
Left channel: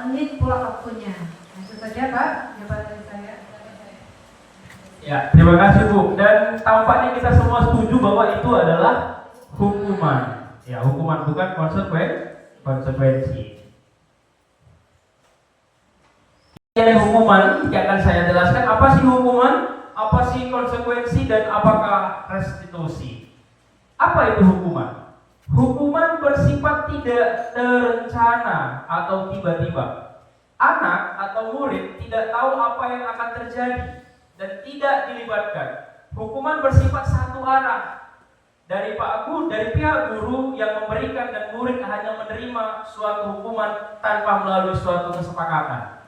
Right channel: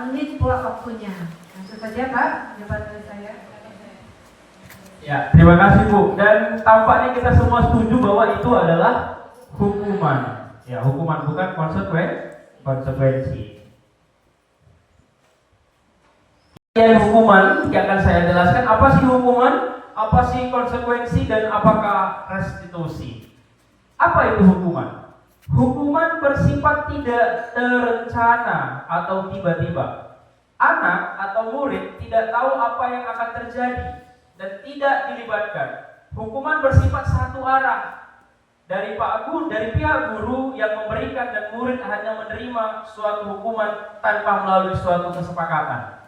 menit pula waktunya. Itu saja Pak, jawaban dari saya. Ya, terima kasih Bu. Dan tampaknya kita semua setuju bahwa itu adalah hukuman. Ya, hukuman bukan konsekuensi. Yang hukuman yang akan saya jelaskan, apa sih hukuman, apa sih konsekuensi, dan apakah restitusi. Apa itu hukuman? Hukuman bersifat tidak terencana atau tiba-tiba. Anak atau murid tidak tahu apa yang akan terjadi dan tidak dilibatkan. Hukuman bersifat satu arah dari pihak guru yang memberikan, dan murid hanya menerima suatu hukuman tanpa melalui suatu kesepakatan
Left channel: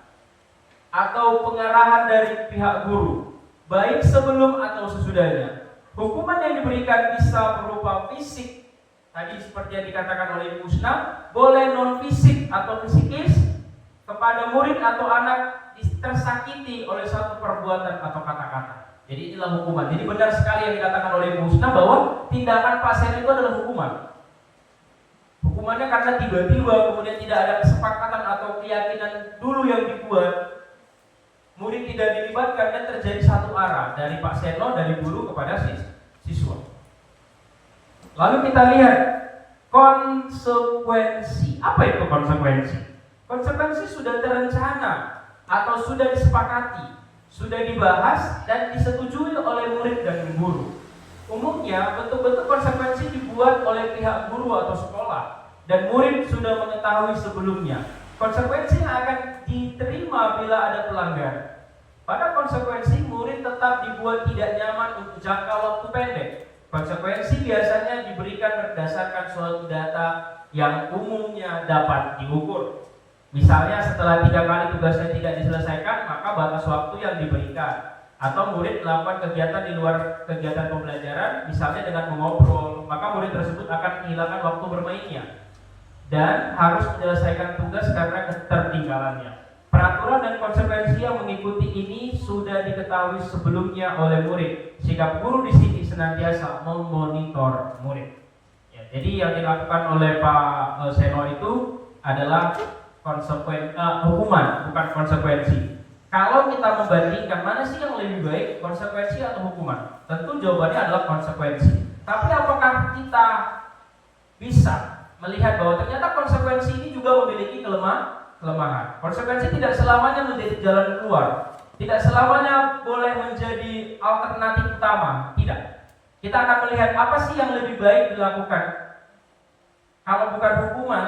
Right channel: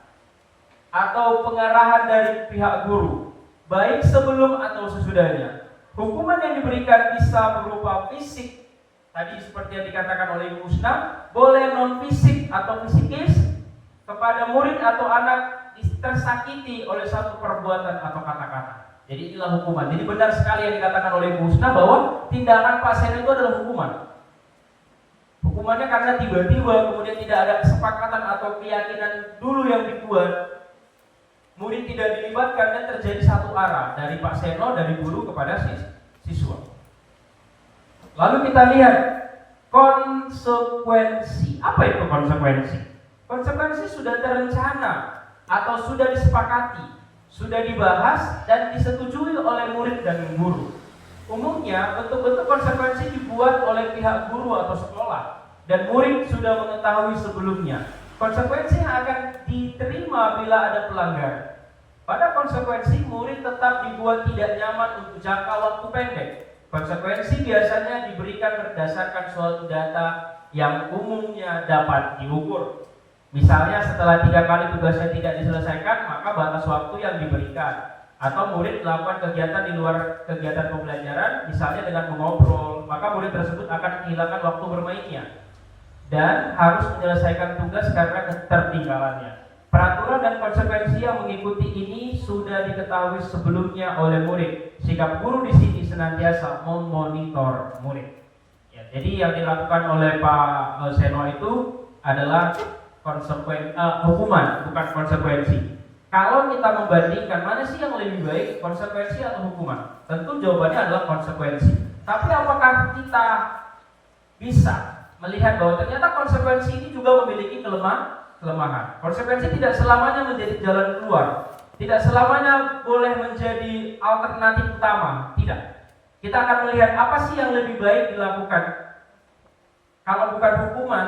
atau pengarahan dari pihak guru, baik sebelum atau sesudahnya. Hukuman yang diberikan bisa berupa fisik, tadi seperti yang dikatakan oleh Ibu Husna, boleh non fisik atau fisikis kepada murid atau anak tersakiti oleh suatu perbuatan atau kata-kata. Jadi inilah hukuman. Jadi benar sekali yang dikatakan oleh Ibu Husna bahwa tindakan Pak Seno itu adalah hukuman. Hukumannya karena tiba-tiba kemudian tidak ada kesepakatan atau keyakinan dulu yang dibuat, murid tidak dilibatkan, dan terjadi satu arah dari Pak Seno, dari guru kepada siswa. Lalu kita lihat konsekuensi. Apa itu konsekuensi? Konsekuensi sudah terencana atau sudah disepakati, sudah dibahas dan disetujui oleh murid dan guru. Umumnya bentuk-bentuk konsekuensi dibuat oleh pihak guru atau sekolah, dan murid sudah mengetahui sebelumnya. Konsekuensi yang akan diterima bila ada pelanggaran. Pada konsekuensi, murid tetap dibuat tidak nyaman untuk jangka waktu pendek. Konsekuensi biasanya diberikan berdasarkan suatu data yang umumnya dapat diukur. Misalnya setelah 3 kali tugasnya tidak diselesaikan, maka batas waktu yang diberikan. Atau murid melakukan kegiatan di luar kegiatan pembelajaran, misalnya dengan mengobrol, maka murid tersebut akan kehilangan waktu bermainnya dan harus menyelesaikan tugas karena ketertinggalannya. Peraturan dan konsekuensi yang mengikuti ini sudah diketahui sebelumnya oleh murid. Sikap guru di sini senantiasa memonitor murid. Ya, jadi yang dilakukan oleh Pak Seno itu adalah hukuman, bukan konsekuensi. Kalau kita membandingkan mana sih yang lebih baik, konsekuensi atau hukuman? Tentu jawabannya adalah konsekuensi. Tapi apakah kita bisa melihat bahwa ternyata konsekuensi ini juga memiliki kelemahan? Konsekuensi tidak selamanya menjadi jalan keluar, tidak selamanya boleh menjadi alternatif utama. Tidak. Kita akan melihat apa sih yang lebih baik dilakukan. Kalau bukan hukuman,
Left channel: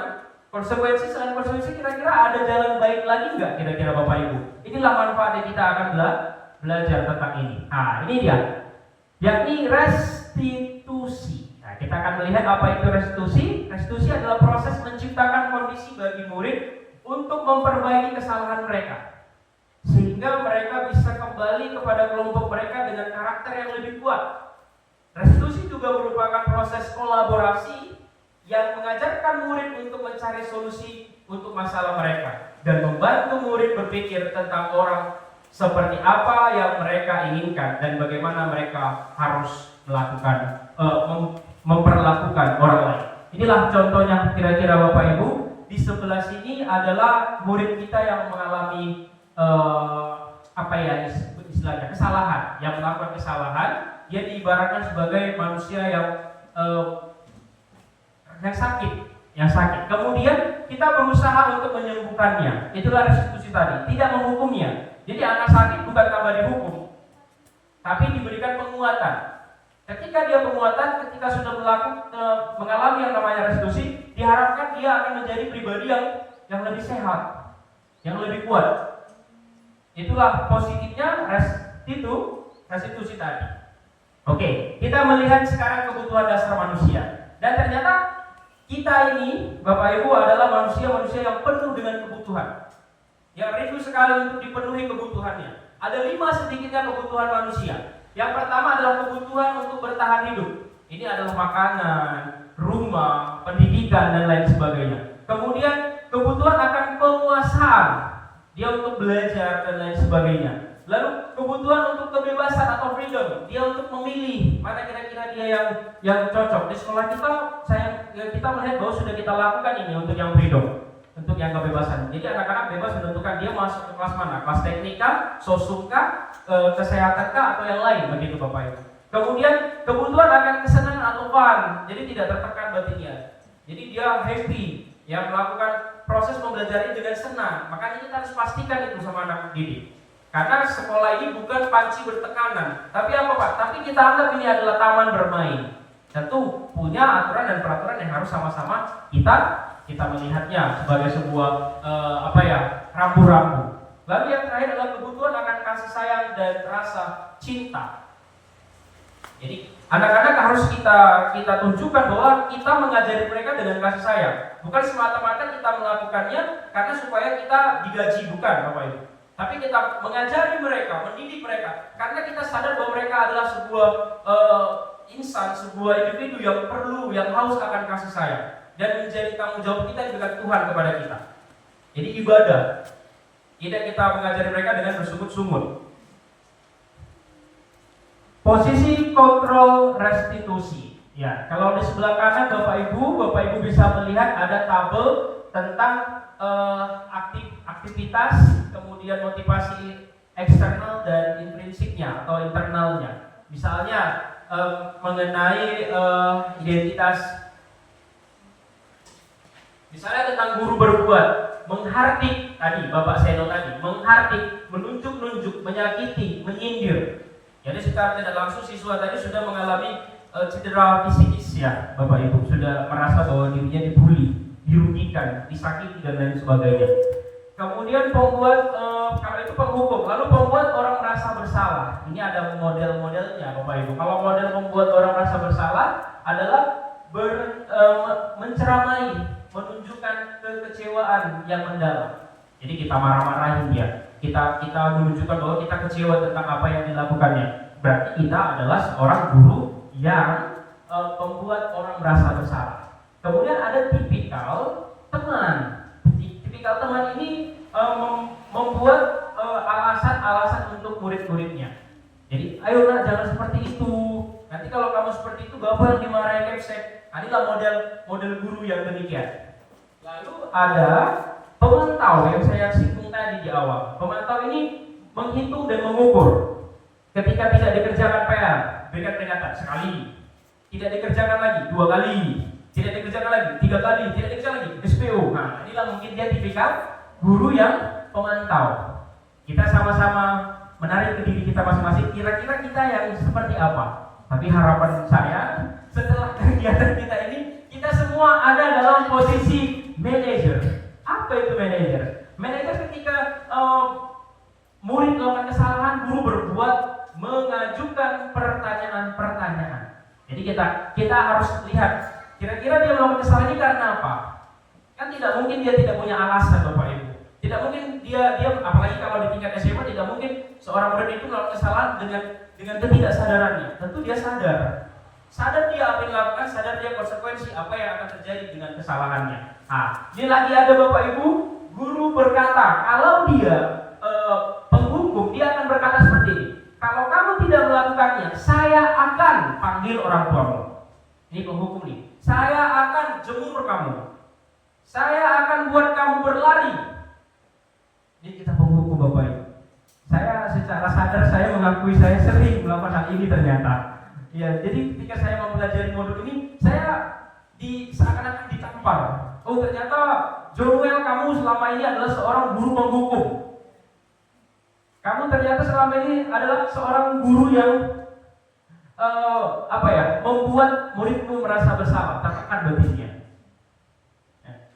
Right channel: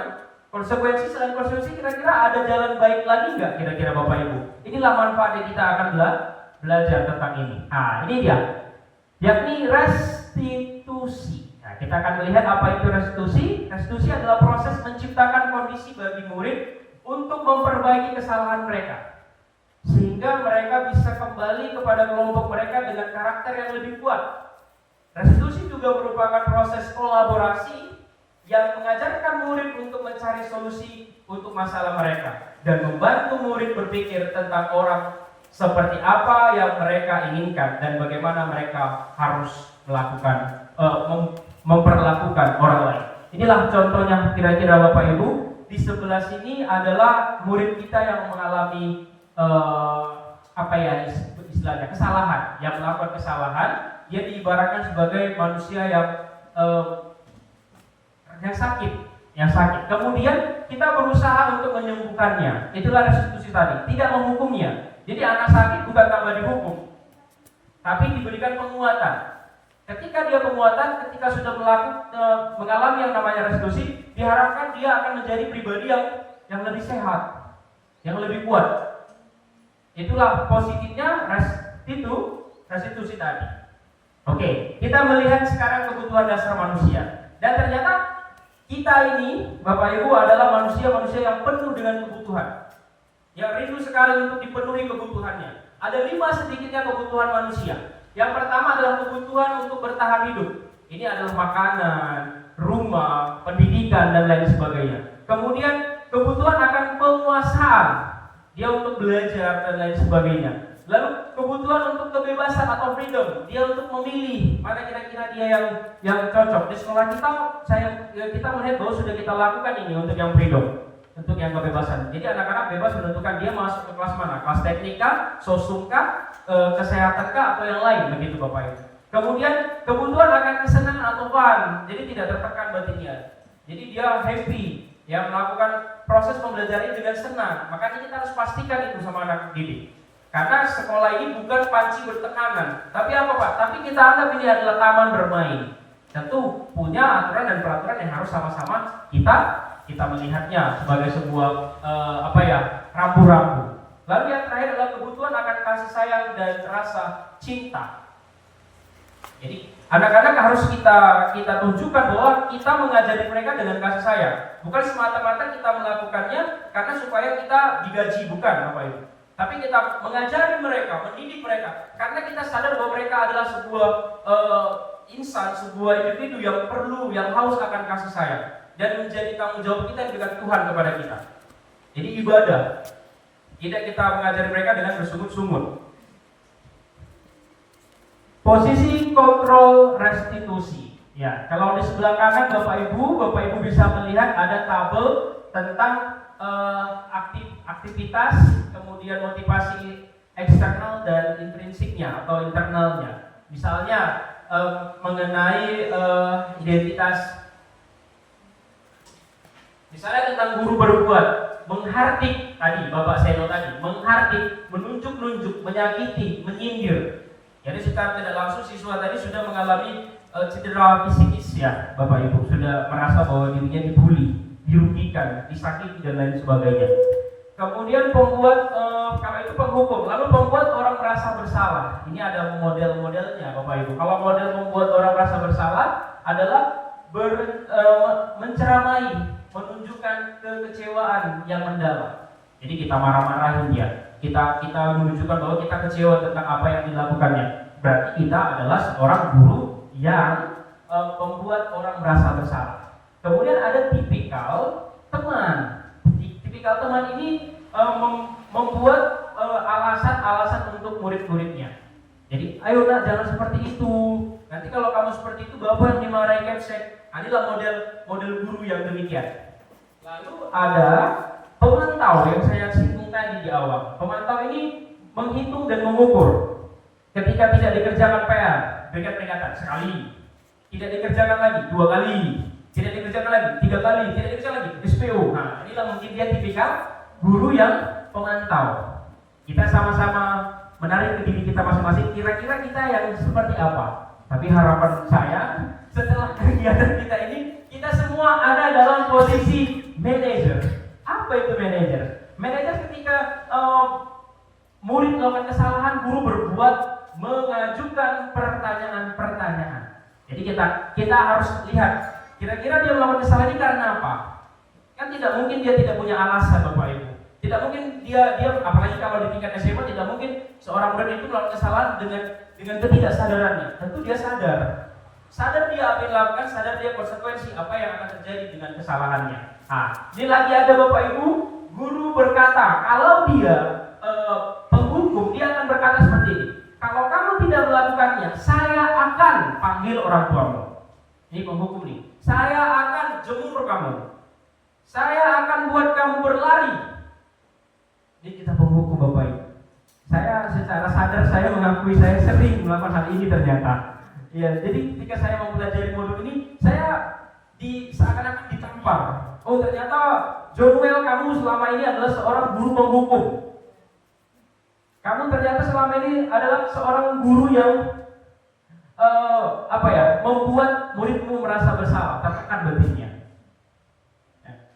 konsekuensi, selain konsekuensi, kira-kira ada jalan baik lagi nggak kira-kira Bapak Ibu? Inilah manfaat yang kita akan belajar tentang ini. Nah, ini dia, yakni restitusi. Nah, kita akan melihat apa itu restitusi. Restitusi adalah proses menciptakan kondisi bagi murid untuk memperbaiki kesalahan mereka, sehingga mereka bisa kembali kepada kelompok mereka dengan karakter yang lebih kuat. Restitusi juga merupakan proses kolaborasi yang mengajarkan murid untuk mencari solusi untuk masalah mereka dan membantu murid berpikir tentang orang seperti apa yang mereka inginkan dan bagaimana mereka harus melakukan memperlakukan orang lain. Inilah contohnya kira-kira Bapak Ibu. Di sebelah sini adalah murid kita yang mengalami istilahnya kesalahan, yang melakukan kesalahan. Dia diibaratkan sebagai manusia yang sakit. Kemudian kita berusaha untuk menyembuhkannya. Itulah restitusi tadi, tidak menghukumnya. Jadi anak sakit bukan tambah dihukum, tapi diberikan penguatan. Ketika dia penguatan, ketika sudah mengalami yang namanya restitusi, diharapkan dia akan menjadi pribadi yang lebih sehat, yang lebih kuat. Itulah positifnya restitusi tadi. Oke, kita melihat sekarang kebutuhan dasar manusia. Dan ternyata kita ini, Bapak Ibu, adalah manusia-manusia yang penuh dengan kebutuhan, yang rindu sekali untuk dipenuhi kebutuhannya. Ada 5 sedikitnya kebutuhan manusia. Yang pertama adalah kebutuhan untuk bertahan hidup. Ini adalah makanan, rumah, pendidikan, dan lain sebagainya. Kemudian kebutuhan akan penguasaan, dia untuk belajar dan lain sebagainya. Lalu kebutuhan untuk kebebasan atau freedom, dia untuk memilih mana kira-kira dia yang cocok. Di sekolah kita melihat bahwa sudah kita lakukan ini untuk yang freedom. untuk yang kebebasan. Jadi anak-anak bebas menentukan dia masuk ke kelas mana, kelas teknika, sosumkah, kesehatankah, atau yang lain, begitu Bapak Ibu. Kemudian kebutuhan akan kesenangan atau fun, jadi tidak tertekan batinnya. Jadi dia happy, yang melakukan proses pembelajaran dengan senang. Makanya kita harus pastikan itu sama anak didik. Karena sekolah ini bukan panci bertekanan, tapi apa Pak? Tapi kita anggap ini adalah taman bermain. Tentu punya aturan dan peraturan yang harus sama-sama kita melihatnya sebagai sebuah rambu-rambu. Lalu yang terakhir adalah kebutuhan akan kasih sayang dan rasa cinta. Jadi anak-anak harus kita tunjukkan bahwa kita mengajari mereka dengan kasih sayang, bukan semata-mata kita melakukannya karena supaya kita digaji, bukan Bapak Ibu. Tapi kita mengajari mereka, mendidik mereka, karena kita sadar bahwa mereka adalah sebuah insan, sebuah individu yang perlu, yang haus akan kasih sayang, dan menjadi tanggung jawab kita dekat Tuhan kepada kita. Jadi ibadah, tidak kita mengajari mereka dengan bersungut-sungut. Posisi kontrol restitusi. Ya, kalau di sebelah kanan Bapak Ibu bisa melihat ada tabel tentang aktivitas, kemudian motivasi eksternal dan intrinsiknya atau internalnya. Misalnya mengenai identitas, misalnya tentang guru berbuat, menghardik tadi, Bapak Seno tadi, menghardik, menunjuk-nunjuk, menyakiti, menyindir. Jadi secara tidak langsung siswa tadi sudah mengalami cedera fisikis ya, Bapak Ibu, sudah merasa bahwa dirinya dibully, dirugikan, disakiti dan lain sebagainya. Kemudian pembuat, kalau itu penghukum, lalu pembuat orang merasa bersalah. Ini ada model-modelnya Bapak Ibu. Kalau model membuat orang merasa bersalah adalah menceramai, menunjukkan kekecewaan yang mendalam. Jadi kita marah-marahin dia. Kita menunjukkan bahwa kita kecewa tentang apa yang dilakukannya. Berarti kita adalah seorang guru yang membuat orang merasa bersalah. Kemudian ada tipikal teman. Tipikal teman ini membuat alasan-alasan untuk murid-muridnya. Jadi, ayo nak, jangan seperti itu. Nanti kalau kamu seperti itu, bapak yang dimarahin kepsek. Inilah model guru yang demikian. Lalu ada pemantau yang saya singgung tadi di awal. Pemantau ini menghitung dan mengukur. Ketika tidak dikerjakan PR, berikan peringatan sekali. Tidak dikerjakan lagi 2 kali. Tidak dikerjakan lagi 3 kali. Tidak dikerjakan lagi SPO. Nah, inilah mungkin dia tipikal guru yang pemantau. Kita sama-sama menarik ke diri kita masing-masing. Kira-kira kita yang seperti apa? Tapi harapan saya setelah kegiatan kita ini, kita semua ada dalam posisi manajer. Apa itu manajer? Manajer ketika murid melakukan kesalahan, guru berbuat mengajukan pertanyaan-pertanyaan. Jadi kita harus lihat kira-kira dia melakukan kesalahan ini karena apa? Kan tidak mungkin dia tidak punya alasan, Bapak Ibu. Tidak mungkin dia apalagi kalau di tingkat SMA, tidak mungkin seorang murid itu melakukan kesalahan dengan ketidaksadarannya. Tentu dia sadar dia apa yang dilakukan, sadar dia konsekuensi apa yang akan terjadi dengan kesalahannya. Nah, ini lagi ada Bapak Ibu, guru berkata, kalau dia penghukum, dia akan berkata seperti ini. Kalau kamu tidak melakukannya, saya akan panggil orang tuamu. Ini penghukum nih. Saya akan jemur kamu. Saya akan buat kamu berlari. Ini kita penghukum Bapak Ibu. Saya secara sadar saya mengakui saya sering melakukan hal ini ternyata. Ya, jadi ketika saya mempelajari modul ini, saya seakan-akan ditampar. Oh, ternyata Joel, kamu selama ini adalah seorang guru penghukum. Kamu ternyata selama ini adalah seorang guru yang membuat muridmu merasa bersalah, tertekan batinnya.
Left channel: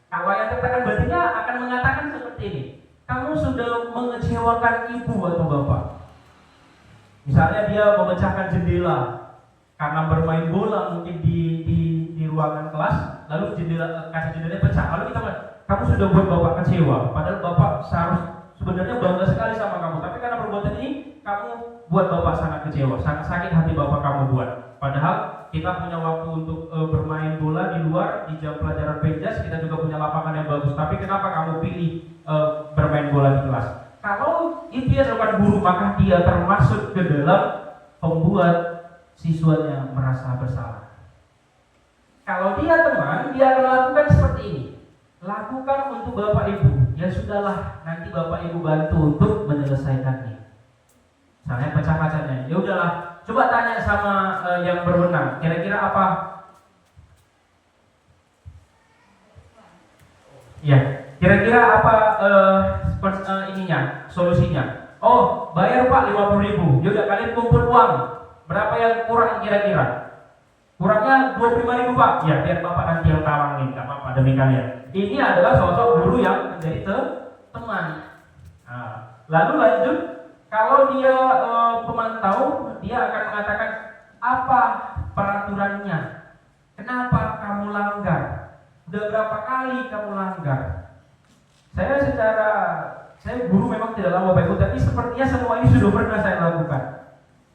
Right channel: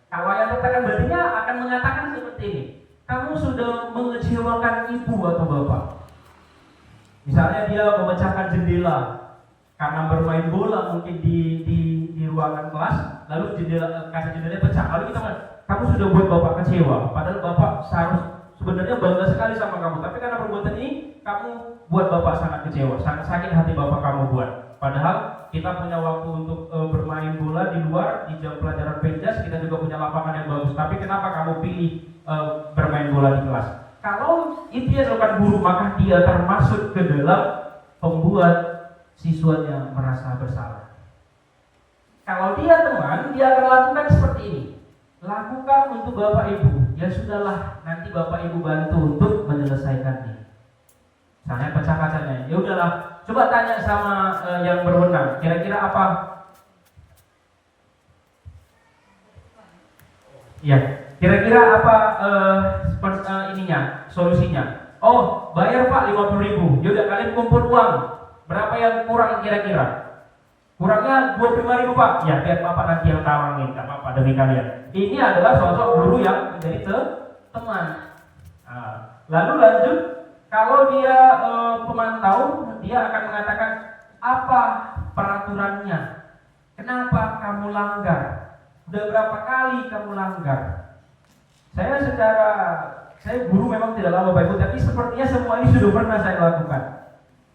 Kalau yang tertekan batinnya akan mengatakan seperti ini. Kamu sudah mengecewakan ibu atau bapak. Misalnya dia memecahkan jendela karena bermain bola mungkin di ruangan kelas, lalu kaca jendelanya pecah. Lalu kita kamu sudah buat bapak kecewa, padahal bapak sebenarnya bangga sekali sama kamu, tapi karena perbuatan ini kamu buat bapak sangat kecewa, sangat sakit hati bapak kamu buat. Padahal kita punya waktu untuk bermain bola di luar, di jam pelajaran penjas, kita juga punya lapangan yang bagus. Tapi kenapa kamu pilih bermain bola di kelas? Kalau itu yang dilakukan guru, maka dia termasuk ke dalam pembuat siswanya merasa bersalah. Kalau dia teman, dia akan lakukan seperti ini. lakukan untuk Bapak Ibu. Ya sudahlah, nanti Bapak Ibu bantu untuk menyelesaikannya. Misalnya pecah kacanya, ya udahlah, coba tanya sama yang berwenang, kira-kira apa? Ya, kira-kira apa ininya, solusinya? Oh, bayar Pak 50.000. Yaudah, kalian kumpul uang. Berapa yang kurang kira-kira? Kurangnya 25.000 Pak. Ya, biar Bapak nanti yang tawangin, nggak apa-apa demi kalian. Ini adalah sosok guru yang menjadi teman. Nah, lalu lanjut, kalau dia pemantau, dia akan mengatakan apa peraturannya? Kenapa kamu langgar? Udah berapa kali kamu langgar? Saya guru memang tidak lama Bapak Ibu, tapi sepertinya semua ini sudah pernah saya lakukan.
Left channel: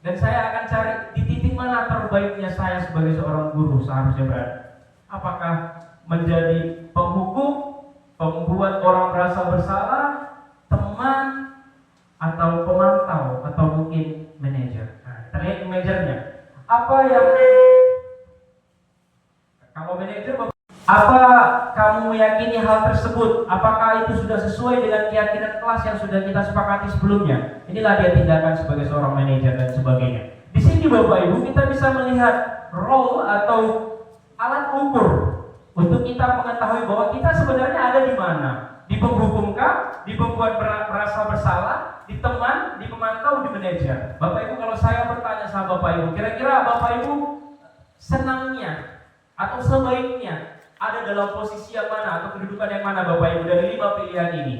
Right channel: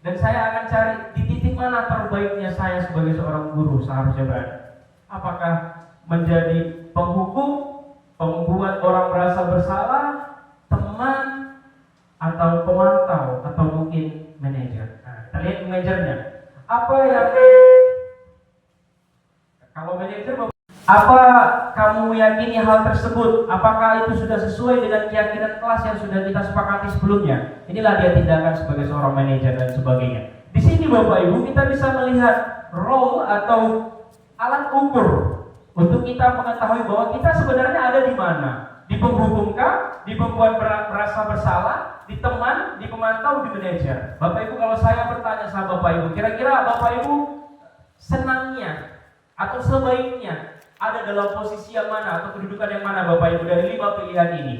Dan saya akan cari di titik mana terbaiknya saya sebagai seorang guru seharusnya berada. Apakah menjadi penghukum, pembuat orang merasa bersalah, teman, atau pemantau, atau mungkin manajer. Nah, kita lihat manajernya. Apa yang kalau manajer, apa kamu meyakini hal tersebut? Apakah itu sudah sesuai dengan keyakinan kelas yang sudah kita sepakati sebelumnya? Inilah dia tindakan sebagai seorang manajer dan sebagainya. Di sini Bapak Ibu kita bisa melihat role atau alat ukur untuk kita mengetahui bahwa kita sebenarnya ada di mana. Di penghukumkah, di pembuat merasa bersalah, di teman, di pemantau, di manajer. Bapak Ibu, kalau saya bertanya sama Bapak Ibu, kira-kira Bapak Ibu senangnya atau sebaiknya ada dalam posisi yang mana atau kedudukan yang mana Bapak Ibu dari 5 pilihan ini?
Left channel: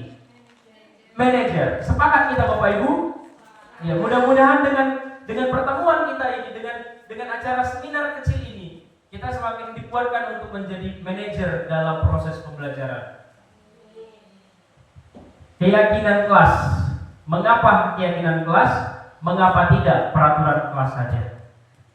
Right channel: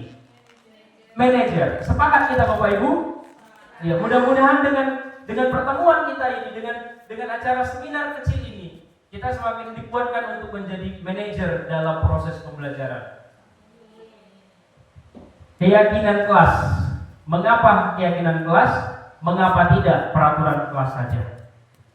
Manajer. Sepakat kita Bapak Ibu? Ya, mudah-mudahan dengan pertemuan kita ini, dengan acara seminar kecil ini, kita semakin dikuatkan untuk menjadi manajer dalam proses pembelajaran. Keyakinan kelas. Mengapa keyakinan kelas? Mengapa tidak peraturan kelas saja?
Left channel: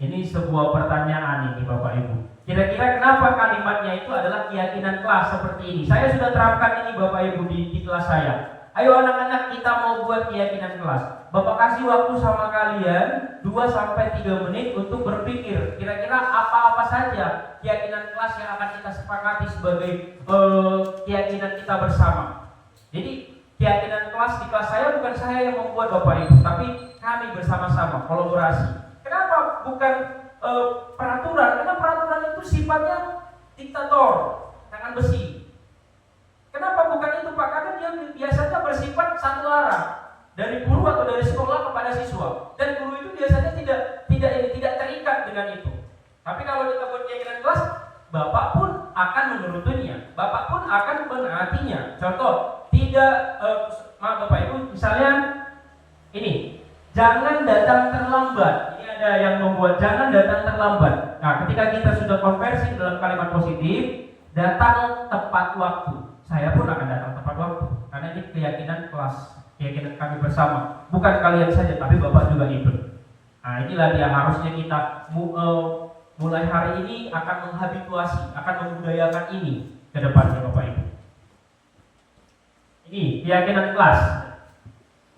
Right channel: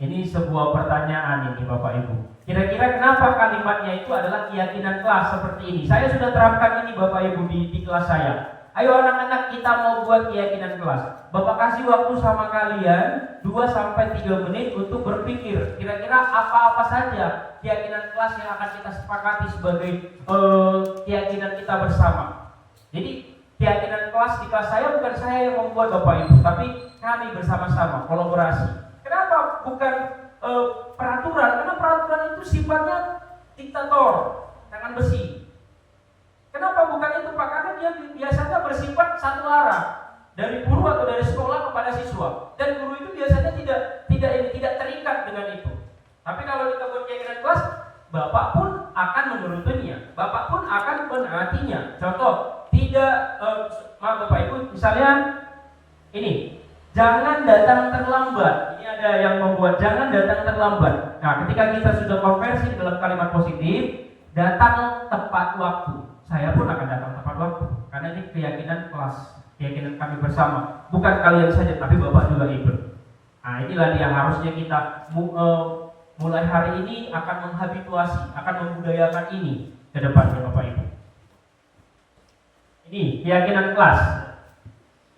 Ini sebuah pertanyaan ini Bapak Ibu. Kira-kira kenapa kalimatnya itu adalah keyakinan kelas seperti ini? Saya sudah terapkan ini Bapak Ibu di kelas saya. Ayo anak-anak, kita mau buat keyakinan kelas. Bapak kasih waktu sama kalian 2-3 menit untuk berpikir kira-kira apa-apa saja keyakinan kelas yang akan kita sepakati sebagai keyakinan kita bersama. Jadi keyakinan kelas di kelas saya bukan saya yang membuat Bapak Ibu, tapi kami bersama-sama kolaborasi. Kenapa bukan peraturan? Karena peraturan itu sifatnya diktator, tangan besi. Kenapa bukan itu Pak? Karena dia biasanya bersifat satu arah, dari guru atau dari sekolah kepada siswa. Dan guru itu biasanya tidak terikat dengan itu. Tapi kalau kita buat keyakinan kelas, Bapak pun akan menurutinya, Bapak pun akan menaatinya. Contoh, maaf Bapak Ibu, misalnya ini, jangan datang terlambat. Ini ada yang membuat jangan datang terlambat. Nah, ketika kita sudah konversi dalam kalimat positif, datang tepat waktu. Saya pun akan datang tepat waktu, karena ini keyakinan kelas, keyakinan kami bersama. Bukan kalian saja, tapi Bapak juga ikut. Nah, inilah dia harusnya kita mulai hari ini akan menghabituasi, akan membudayakan ini ke depannya Bapak Ibu. Ini keyakinan kelas.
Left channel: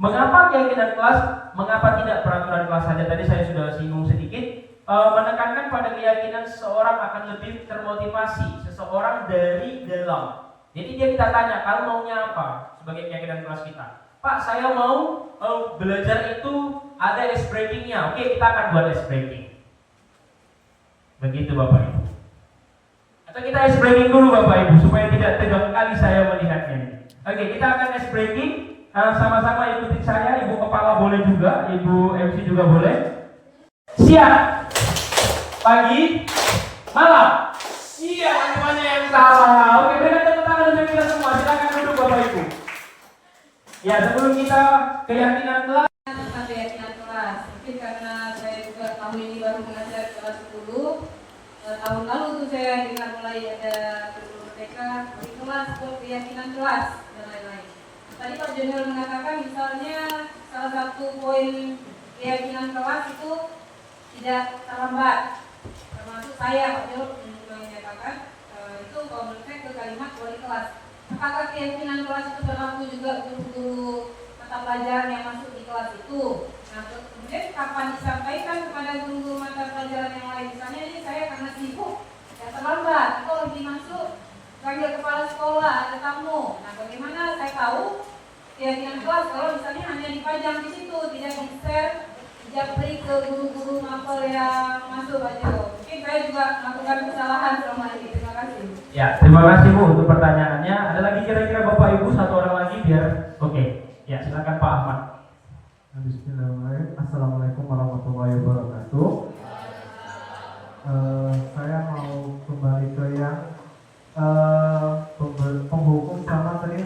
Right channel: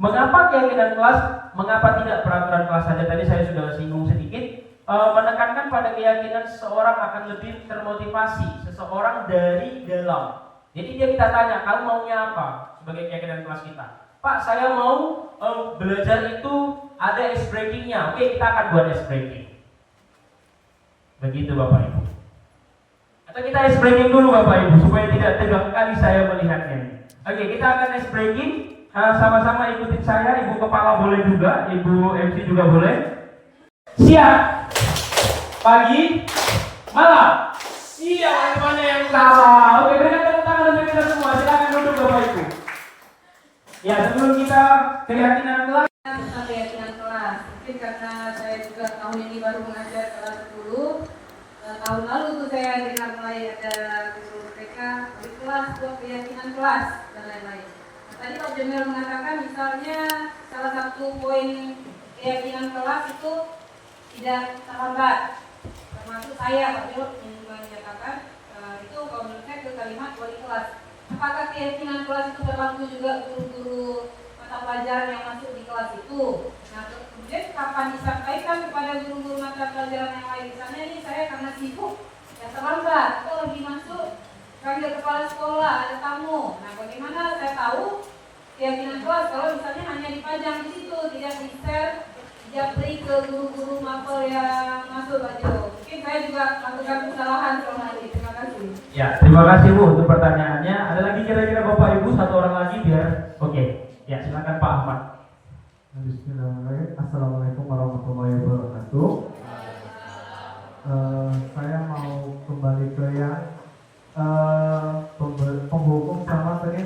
Mengapa keyakinan kelas? Mengapa tidak peraturan kelas saja? Tadi saya sudah singgung sedikit. Menekankan pada keyakinan seseorang akan lebih termotivasi, seseorang dari dalam. Jadi dia kita tanya, kamu maunya apa sebagai keyakinan kelas kita? Pak, saya mau belajar itu ada ice breakingnya. Oke, kita akan buat ice breaking. Begitu Bapak Ibu. Atau kita ice breaking dulu Bapak Ibu supaya tidak tegang kali saya melihatnya. Oke, kita akan ice breaking. Sama-sama ikutin saya. Ibu kepala boleh juga, Ibu MC juga boleh. Siap. Pagi, malam. Iya, mana yang salah? Oke, berikan tepuk tangan untuk kita semua. Silakan duduk Bapak Ibu. Ya, sebelum kita keyakinan kelas. Keyakinan kelas. Mungkin karena saya juga tahun ini baru mengajar kelas 10. Tahun lalu tuh saya dengar mulai ada guru mereka di kelas buat keyakinan kelas dan lain-lain. Tadi Pak Junior mengatakan misalnya salah satu poin keyakinan kelas itu tidak terlambat. Termasuk saya Pak Junior menyatakan itu kalau menurut saya ke kalimat wali kelas. Apakah keyakinan kelas itu berlaku juga guru-guru mata pelajaran yang masuk di kelas itu? Nah, kemudian kapan disampaikan kepada guru-guru mata pelajaran yang lain? Misalnya ini saya karena sibuk ya terlambat atau lebih masuk panggil kepala sekolah, ada tamu. Nah, bagaimana saya tahu keyakinan kelas kalau misalnya hanya dipajang di situ, tidak di-share, japri ke guru-guru mapel yang masuk aja. Mungkin saya juga melakukan kesalahan selama ini. Terima kasih. Ya, terima kasih Bu untuk pertanyaannya. Ada lagi kira-kira Bapak Ibu satu orang lagi biar oke. Ya, silakan Pak Ahmad. Bismillahirrahmanirrahim. Assalamualaikum warahmatullahi wabarakatuh. Saya mau kembali ke yang penghukum sama tadi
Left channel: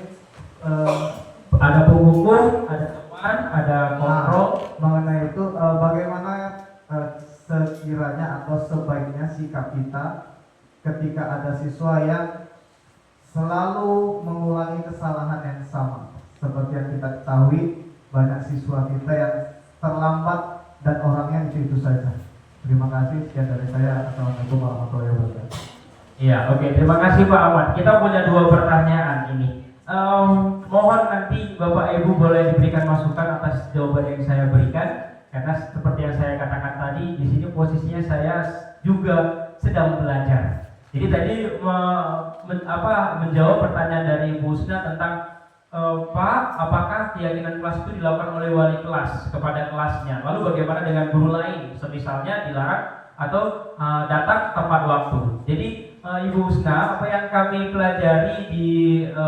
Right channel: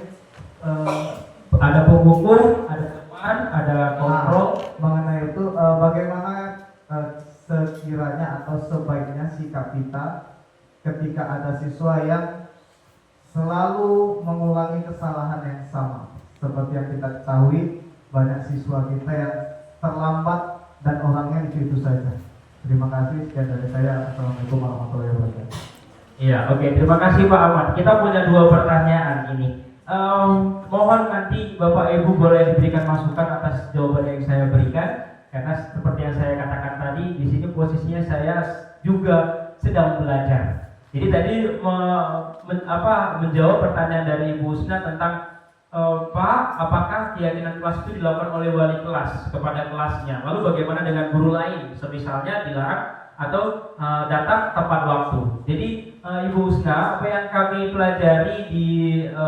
Ada penghukum, ada teman, ada kontrol. mengenai itu bagaimana sekiranya atau sebaiknya sikap kita ketika ada siswa yang selalu mengulangi kesalahan yang sama. Seperti yang kita ketahui, banyak siswa kita yang terlambat dan orangnya itu saja. Terima kasih, sekian dari saya. Assalamualaikum warahmatullahi wabarakatuh. Iya, oke. Terima kasih Pak Ahmad. Kita punya 2 pertanyaan ini. Mohon nanti Bapak Ibu boleh diberikan masukan atas jawaban yang saya berikan, karena seperti yang saya katakan tadi, di sini posisinya saya juga sedang belajar. Jadi tadi menjawab pertanyaan dari Ibu Husna tentang Pak, apakah keyakinan kelas itu dilakukan oleh wali kelas kepada kelasnya? Lalu bagaimana dengan guru lain? Misalnya dilarang atau datang tepat waktu. Jadi Ibu Husna, apa yang kami pelajari di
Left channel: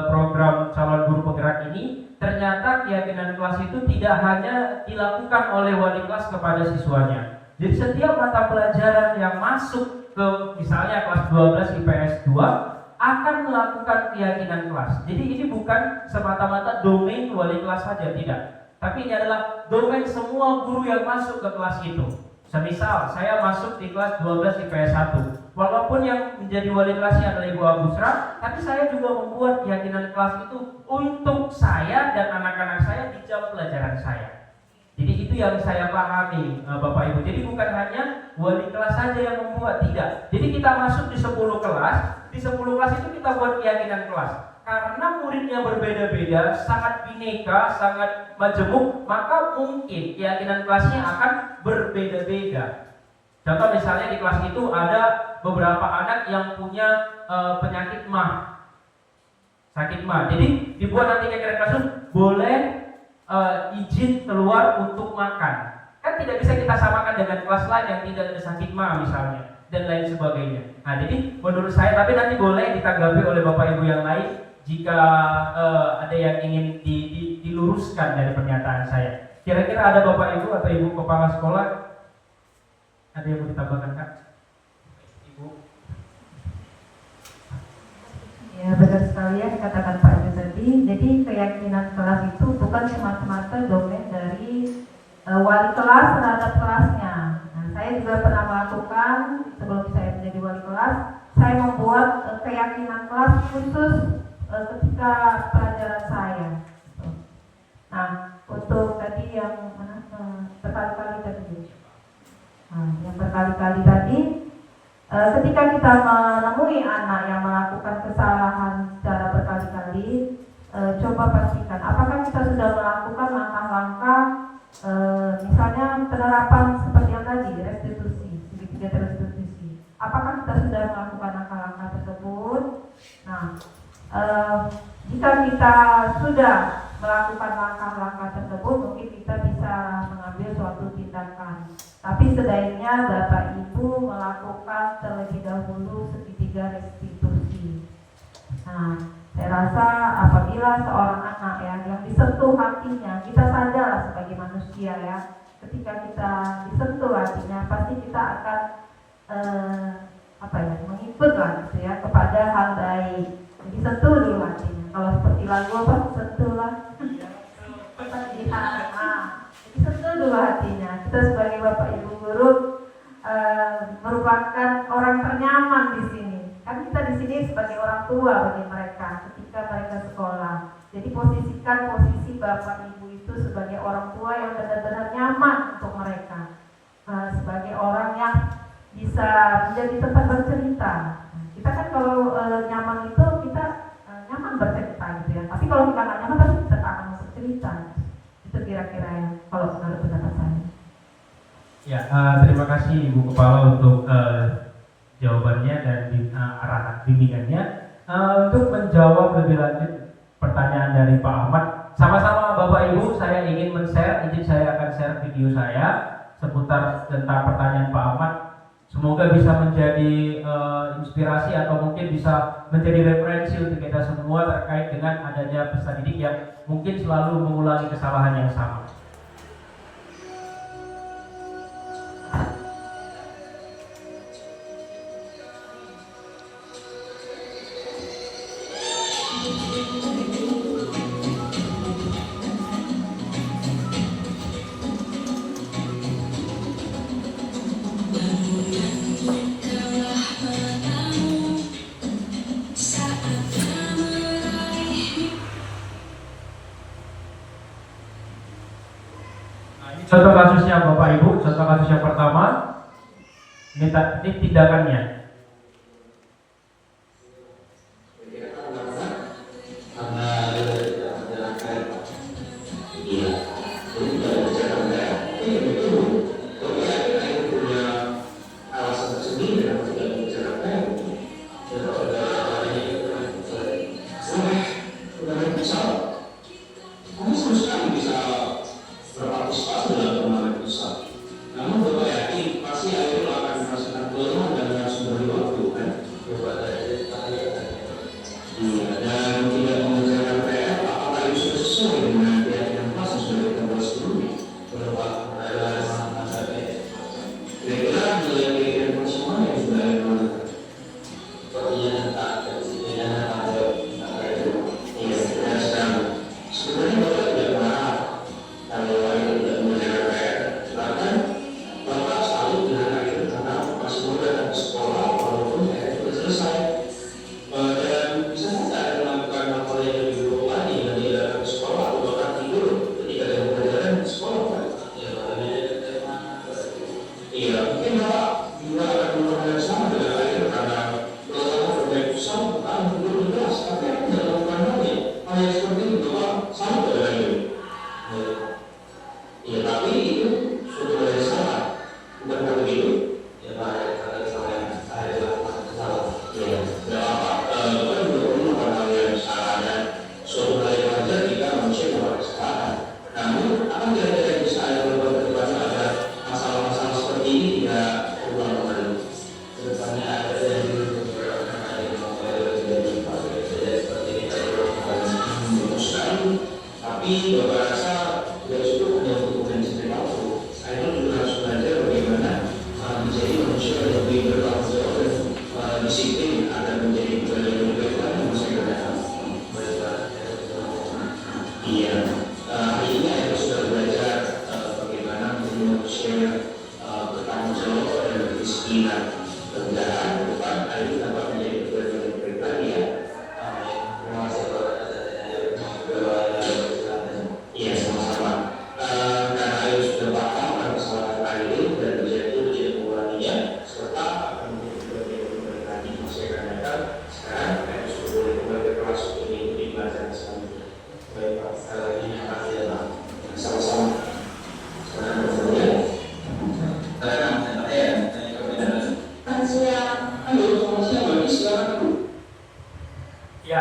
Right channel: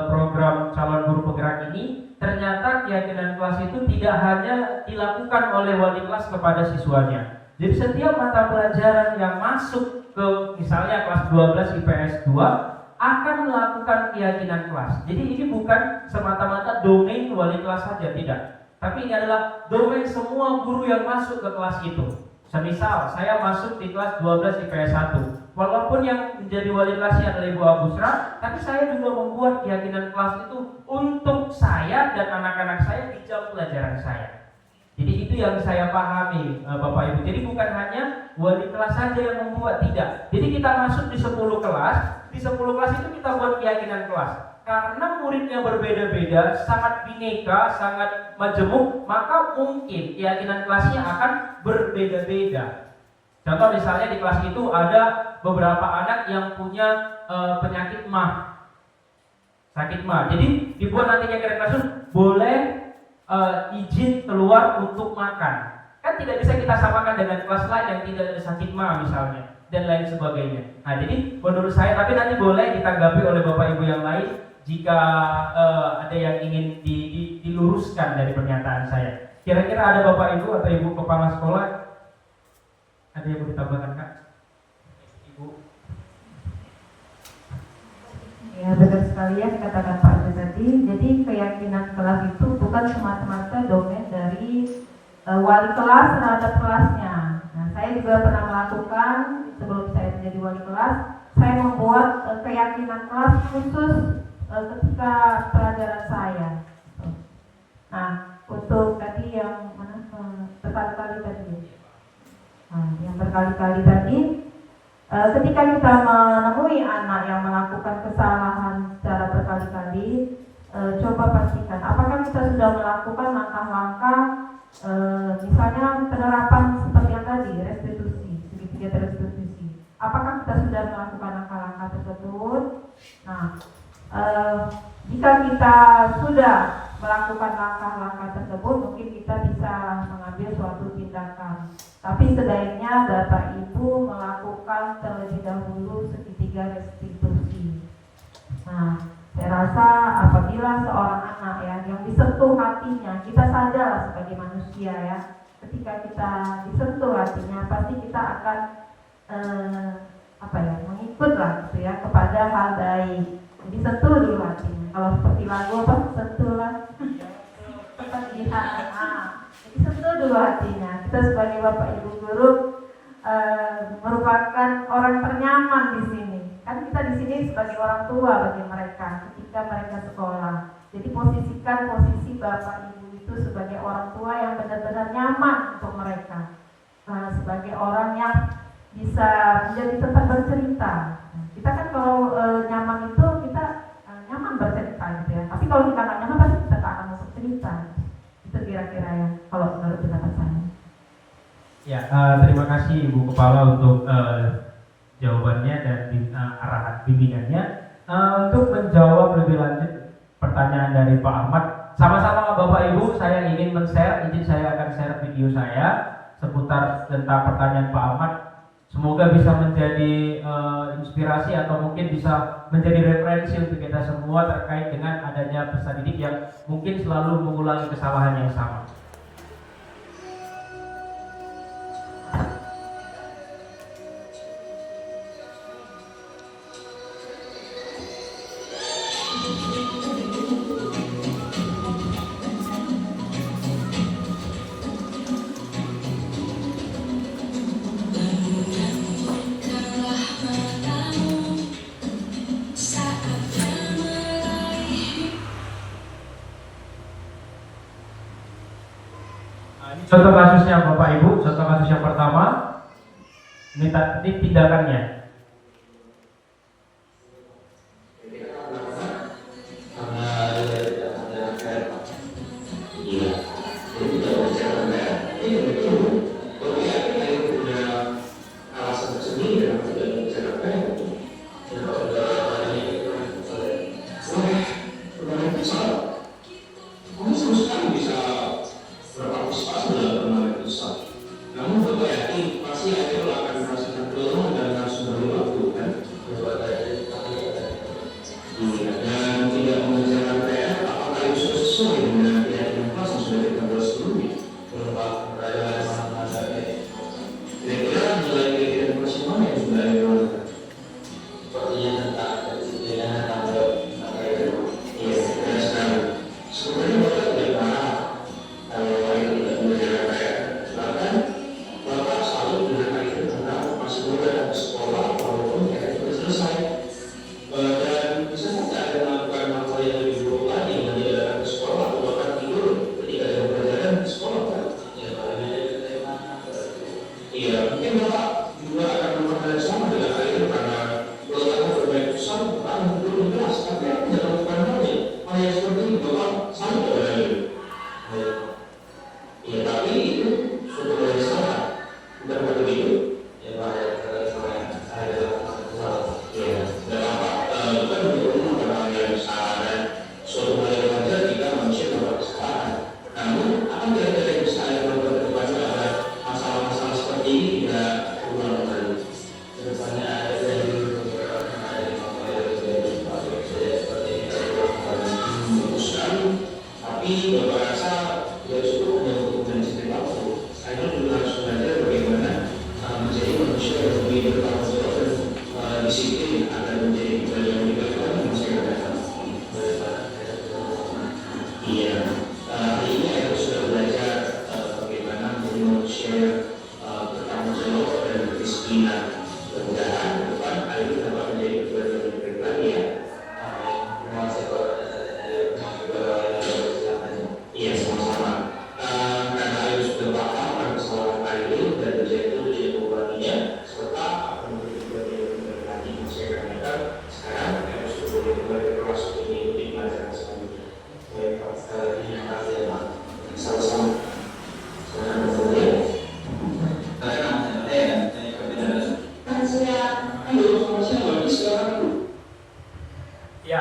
program calon guru penggerak ini, ternyata keyakinan kelas itu tidak hanya dilakukan oleh wali kelas kepada siswanya. Jadi setiap mata pelajaran yang masuk ke misalnya kelas 12 IPS 2 akan melakukan keyakinan kelas. Jadi ini bukan semata-mata domain wali kelas saja, tidak. Tapi ini adalah domain semua guru yang masuk ke kelas itu. Semisal saya masuk di kelas 12 IPS 1, walaupun yang menjadi wali kelasnya adalah Ibu Agusra, tapi saya juga membuat keyakinan kelas itu untuk saya dan anak-anak saya di jam pelajaran saya. Jadi itu yang saya pahami Bapak Ibu. Jadi bukan hanya wali kelas saja yang membuat, tidak. Jadi kita masuk di 10 kelas, di 10 kelas itu kita buat keyakinan kelas. Karena muridnya berbeda-beda, sangat bineka, sangat majemuk, maka mungkin keyakinan kelasnya akan berbeda-beda. Contoh misalnya di kelas itu ada beberapa anak yang punya penyakit MAH, sakit MAH. Jadi dibuat nanti keyakinan kelas itu boleh izin keluar untuk makan. Kan tidak bisa kita samakan dengan kelas lain yang tidak ada sakit MAH misalnya dan lain sebagainya. Nah, jadi menurut saya, tapi nanti boleh ditanggapi oleh Bapak Ibu yang lain jika ada yang ingin diluruskan dari pernyataan saya. Kira-kira ada Bapak Ibu atau Ibu kepala sekolah ada yang mau ditambahkan, Kak? Ibu. Ya, benar sekali ya dikatakan Pak Ade tadi. Jadi keyakinan kelas itu bukan semata-mata domain dari wali kelas terhadap kelasnya. Nah, saya juga pernah melakukan sebelum saya menjadi wali kelas, saya membuat keyakinan kelas khusus ketika pelajaran saya. Nah, untuk tadi yang berkali-kali tadi, yang berkali-kali tadi, ketika kita menemui anak yang melakukan kesalahan secara berkali-kali, coba pastikan apakah kita sudah melakukan langkah-langkah, misalnya penerapan seperti yang tadi, restitusi, segitiga restitusi. Apakah kita sudah melakukan langkah-langkah tersebut? Nah, jika kita sudah melakukan langkah-langkah tersebut, mungkin kita bisa mengambil suatu tindakan. Tapi sebaiknya Bapak Ibu melakukan terlebih dahulu segitiga restitusi. Nah, saya rasa apabila seorang anak yang disentuh hatinya, kita sadarlah sebagai manusia ya, ketika kita disentuh hatinya, pasti kita akan mengikutlah gitu ya kepada hal baik. Jadi sentuh dulu hatinya. Kalau seperti lagu apa? Sentuhlah. Jadi sentuh dulu hatinya. Kita sebagai Bapak Ibu guru merupakan orang ternyaman di sini. Kan kita di sini sebagai orang tua bagi mereka ketika mereka sekolah. Jadi posisikan posisi Bapak Ibu itu sebagai orang tua yang benar-benar nyaman untuk mereka. Sebagai orang yang bisa menjadi tempat bercerita. Kita kan kalau nyaman itu kita nyaman bercerita gitu ya. Tapi kalau kita nggak nyaman pasti kita nggak akan masuk cerita. Itu kira-kira yang kalau menurut pendapat saya. Ya, terima kasih Ibu Kepala untuk jawabannya dan arahan bimbingannya. Untuk menjawab lebih lanjut pertanyaan dari Pak Ahmad, sama-sama Bapak Ibu, saya ingin men-share, izin saya akan share video saya seputar tentang pertanyaan Pak Ahmad. Semoga bisa menjadi inspirasi atau mungkin bisa menjadi referensi untuk kita semua terkait dengan adanya peserta didik yang mungkin selalu mengulangi kesalahan yang sama. Contoh kasusnya Bapak Ibu, contoh kasus yang pertama, ini tindakannya.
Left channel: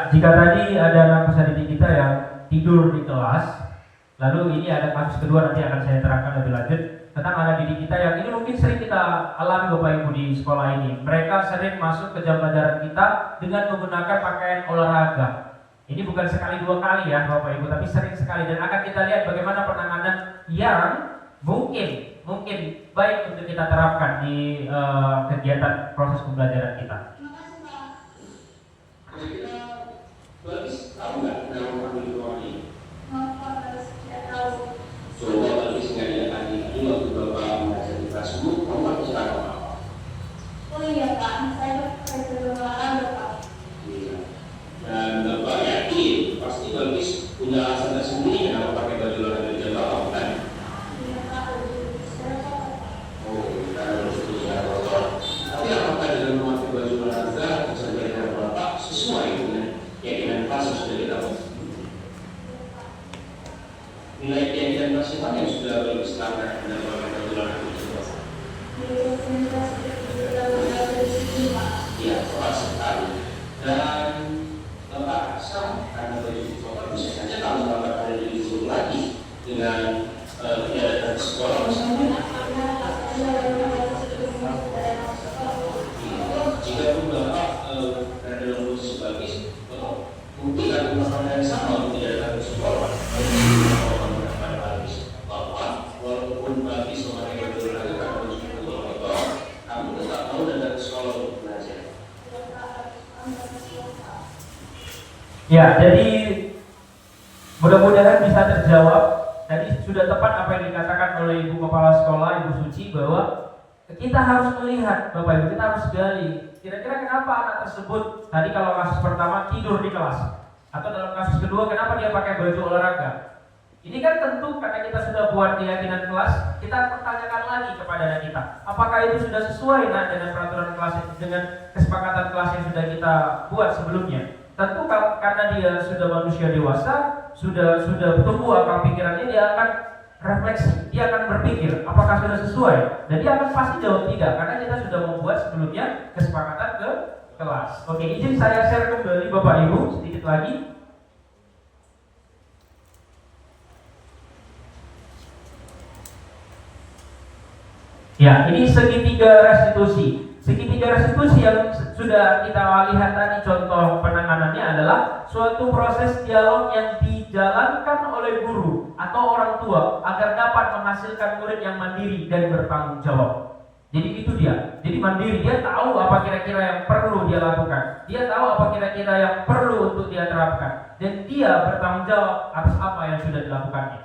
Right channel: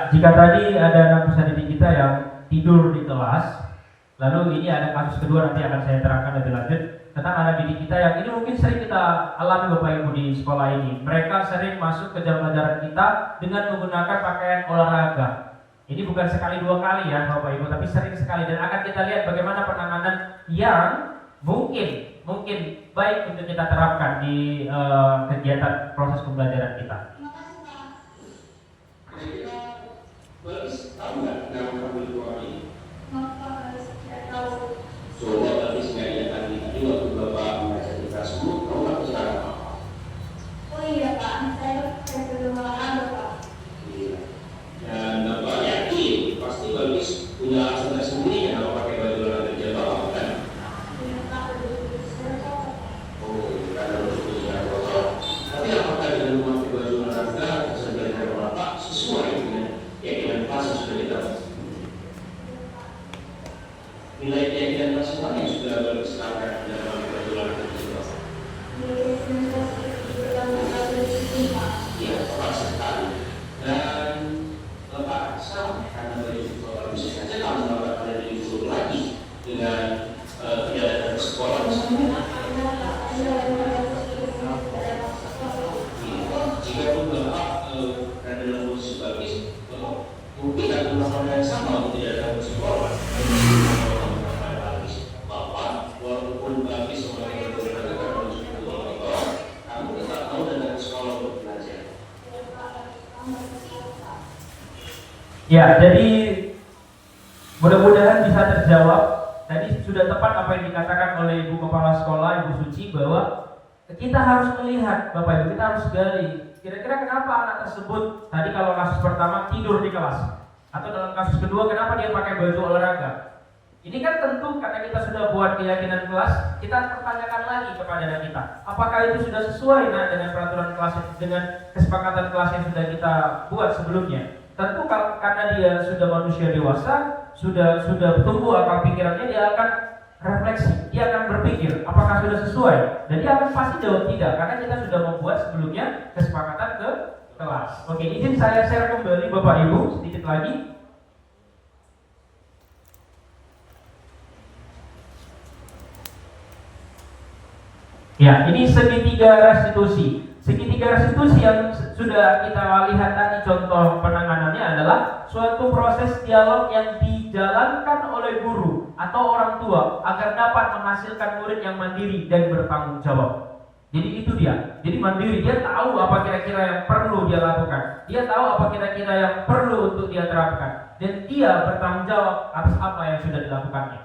Jika tadi ada anak peserta didik kita yang tidur di kelas, lalu ini ada kasus kedua nanti akan saya terangkan lebih lanjut tentang anak didik kita yang ini mungkin sering kita alami Bapak Ibu di sekolah ini. Mereka sering masuk ke jam pelajaran kita dengan menggunakan pakaian olahraga. Ini bukan sekali dua kali ya Bapak Ibu, tapi sering sekali, dan akan kita lihat bagaimana penanganan yang mungkin baik untuk kita terapkan di kegiatan proses pembelajaran kita. Baris tahu nggak nama kamu itu orang ini? Tidak tahu. Coba Baris nggak lihat tadi waktu Bapak membaca di kelas dulu, kamu nggak bisa apa? Oh iya Pak, saya sebelum olahraga Pak. Iya. Dan Bapak yakin pasti Baris punya alasan tersendiri kenapa pakai baju olahraga jilbab kan? Iya Pak, saya Pak. Oh, karena punya Bapak. Tapi apakah dengan memakai baju olahraga keseharian Bapak sesuai dengan keyakinan kelas yang sudah kita nilai keyakinan kelas mana yang sudah lebih selama dan bagaimana tersebut? Iya, tepat sekali. Dan sama karena baju kotor bisa saja kalau bapak kalian disuruh lagi dengan tidak datang ke sekolah misalnya. Jika pun bapak berada dalam posisi bagus, mungkin akan melakukan yang sama untuk tidak datang ke sekolah. Bapak walaupun bagus memakai berolahraga karena baju kotor, kamu tetap mau datang ke sekolah untuk belajar. Ya, jadi mudah-mudahan bisa terjawab. Tadi sudah tepat apa yang dikatakan oleh Ibu Kepala Sekolah, Ibu Suci, bahwa kita harus melihat, Bapak Ibu, kita harus gali. Kira-kira kenapa anak tersebut tadi kalau kasus pertama tidur di kelas, atau dalam kasus kedua kenapa dia pakai baju olahraga? Ini kan tentu karena kita sudah buat keyakinan kelas, kita pertanyakan lagi kepada anak kita, apakah itu sudah sesuai dengan peraturan kelas, dengan kesepakatan kelas yang sudah kita buat sebelumnya? Tentu karena dia sudah manusia dewasa, sudah tumbuh akal pikirannya, dia akan refleksi, dia akan berpikir apakah sudah sesuai, dan dia akan pasti jawab tidak, karena kita sudah membuat sebelumnya kesepakatan ke kelas. Oke, izin saya share kembali Bapak Ibu sedikit lagi. Ya, ini segitiga restitusi. Segitiga restitusi yang sudah kita lihat tadi contoh penanganannya adalah suatu proses dialog yang dijalankan oleh guru atau orang tua agar dapat menghasilkan murid yang mandiri dan bertanggung jawab. Jadi itu dia. Jadi mandiri, dia tahu apa kira-kira yang perlu dia lakukan. Dia tahu apa kira-kira yang perlu untuk dia terapkan. Dan dia bertanggung jawab atas apa yang sudah dilakukannya.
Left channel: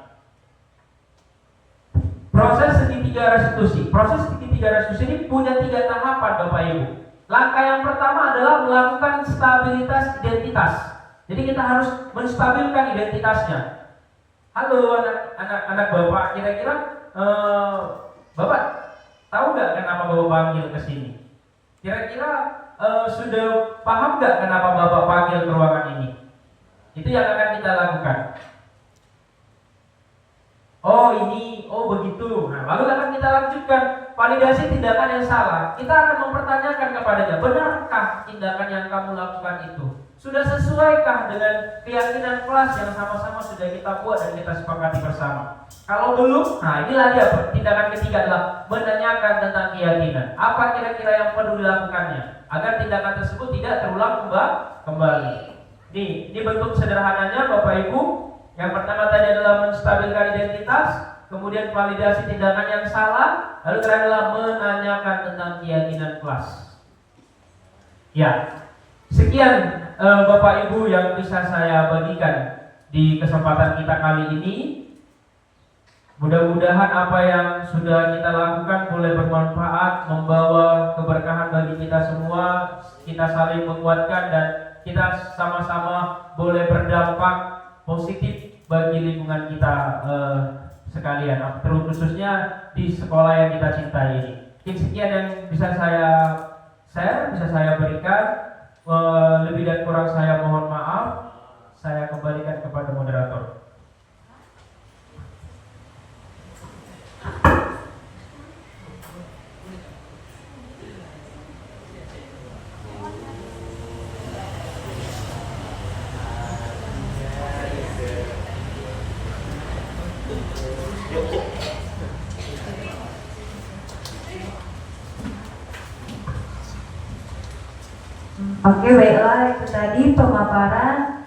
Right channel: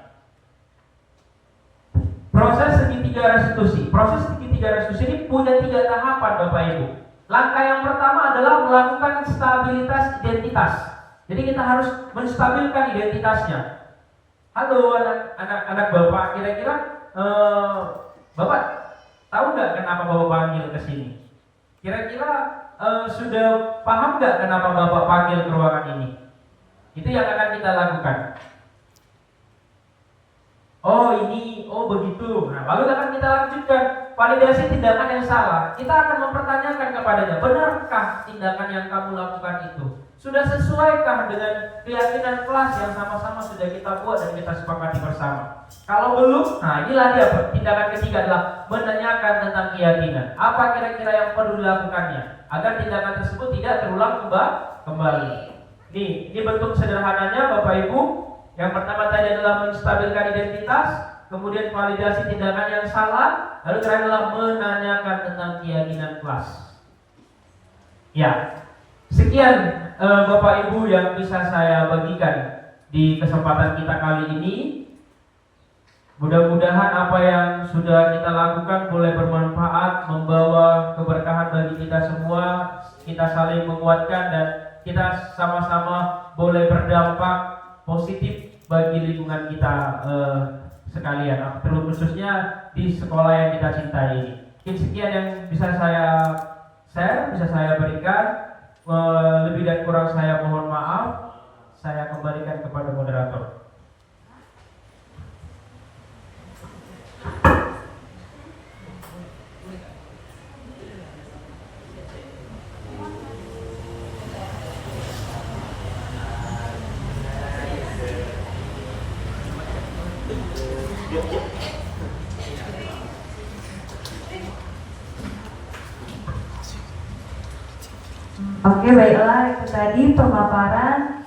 Proses segitiga restitusi. Proses segitiga restitusi ini punya 3 tahapan Bapak Ibu. Langkah yang pertama adalah melakukan stabilitas identitas. Jadi kita harus menstabilkan identitasnya. Halo anak Bapak, kira-kira Bapak tahu nggak kenapa Bapak panggil ke sini? Kira-kira sudah paham nggak kenapa Bapak panggil ke ruangan ini? Itu yang akan kita lakukan. Oh ini, oh begitu. Nah, lalu akan kita lanjutkan validasi tindakan yang salah. Kita akan mempertanyakan kepadanya, benarkah tindakan yang kamu lakukan itu? Sudah sesuaikah dengan keyakinan kelas yang sama-sama sudah kita buat dan kita sepakati bersama? Kalau belum, nah inilah dia tindakan ketiga adalah menanyakan tentang keyakinan. Apa kira-kira yang perlu dilakukannya agar tindakan tersebut tidak terulang kembali. Ini bentuk sederhananya Bapak Ibu. Yang pertama tadi adalah menstabilkan identitas, kemudian validasi tindakan yang salah, lalu terakhir adalah menanyakan tentang keyakinan kelas. Ya, sekian Bapak Ibu yang bisa saya bagikan di kesempatan kita kali ini. Mudah-mudahan apa yang sudah kita lakukan boleh bermanfaat, membawa keberkahan bagi kita semua, kita saling menguatkan dan kita sama-sama boleh berdampak positif bagi lingkungan kita sekalian, terkhususnya di sekolah yang kita cintai ini. Sekian yang bisa saya share, bisa saya berikan. Lebih dan kurang saya mohon maaf. Saya kembalikan kepada moderator. Oke, baiklah, itu tadi pemaparan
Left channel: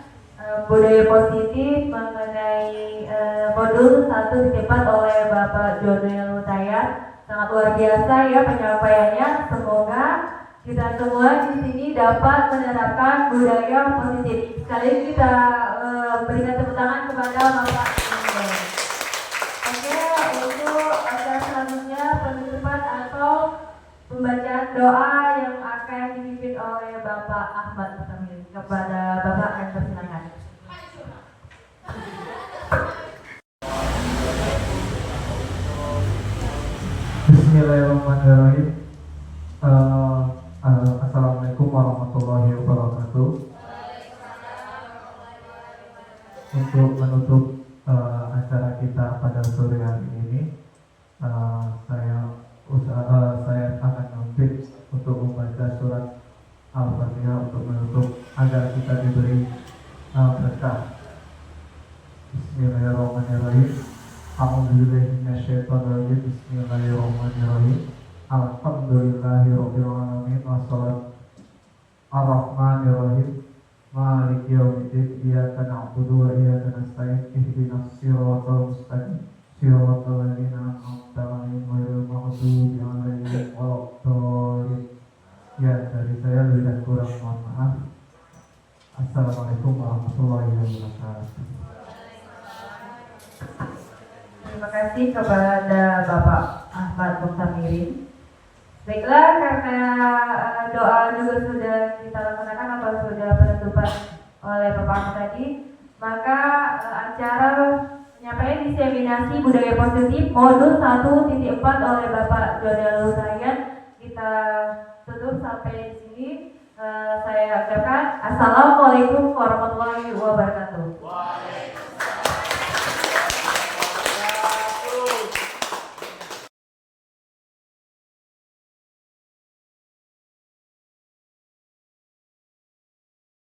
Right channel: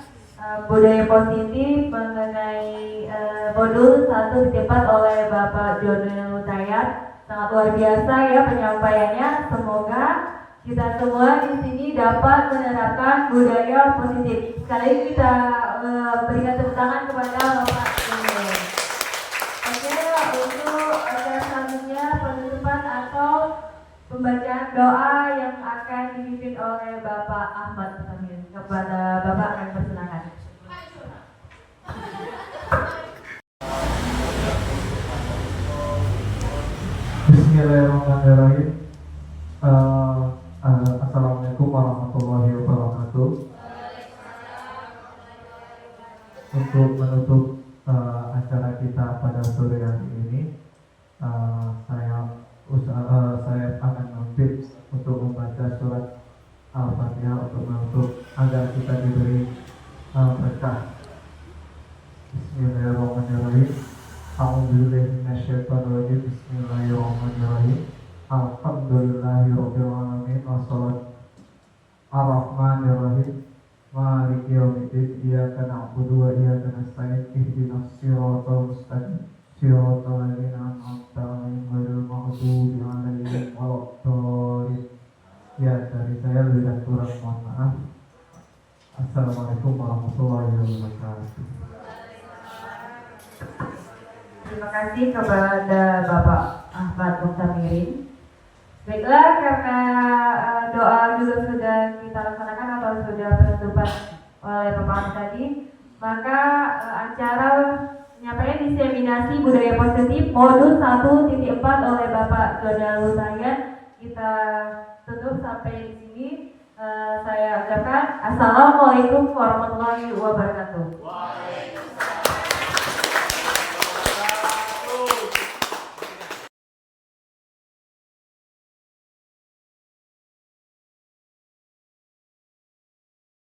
budaya positif mengenai modul 1 ditempat oleh Bapak Jordana Lutayat. Sangat luar biasa ya penyampaiannya. Semoga kita semua di sini dapat menerapkan budaya positif. Sekali lagi kita berikan tepuk tangan kepada Bapak ini. Oke, untuk acara selanjutnya penutupan atau pembacaan doa yang akan dipimpin oleh Bapak Ahmad Samir. Kepada Bapak akan persilakan. Bismillahirrahmanirrahim. Assalamualaikum warahmatullahi wabarakatuh. Untuk menutup acara kita pada sore hari ini, saya akan meminta untuk membaca surat Al-Fatihah untuk menutup agar kita diberi berkah. Bismillahirrahmanirrahim. A'udzubillahi minasyaitonirrajim. Bismillahirrahmanirrahim. Alhamdulillahirabbil alamin wassalatu ar-rahmanirrahim. Maliki yaumiddin. Iyyaka na'budu wa iyyaka nasta'in. Ihdinas siratal mustaqim. Siratal ladzina an'amta 'alaihim ghairil maghdubi 'alaihim waladdallin. Ya, dari saya lebih dan kurang mohon maaf. Assalamualaikum warahmatullahi wabarakatuh. Terima kasih kepada Bapak Ahmad Muhtamirin. Baiklah, karena doa juga sudah kita laksanakan atau sudah penutupan oleh Bapak tadi, maka acara penyampaian diseminasi budaya positif modul 1.4 oleh Bapak Dodal Hutayan kita tutup sampai di sini. Saya ucapkan Assalamualaikum warahmatullahi wabarakatuh.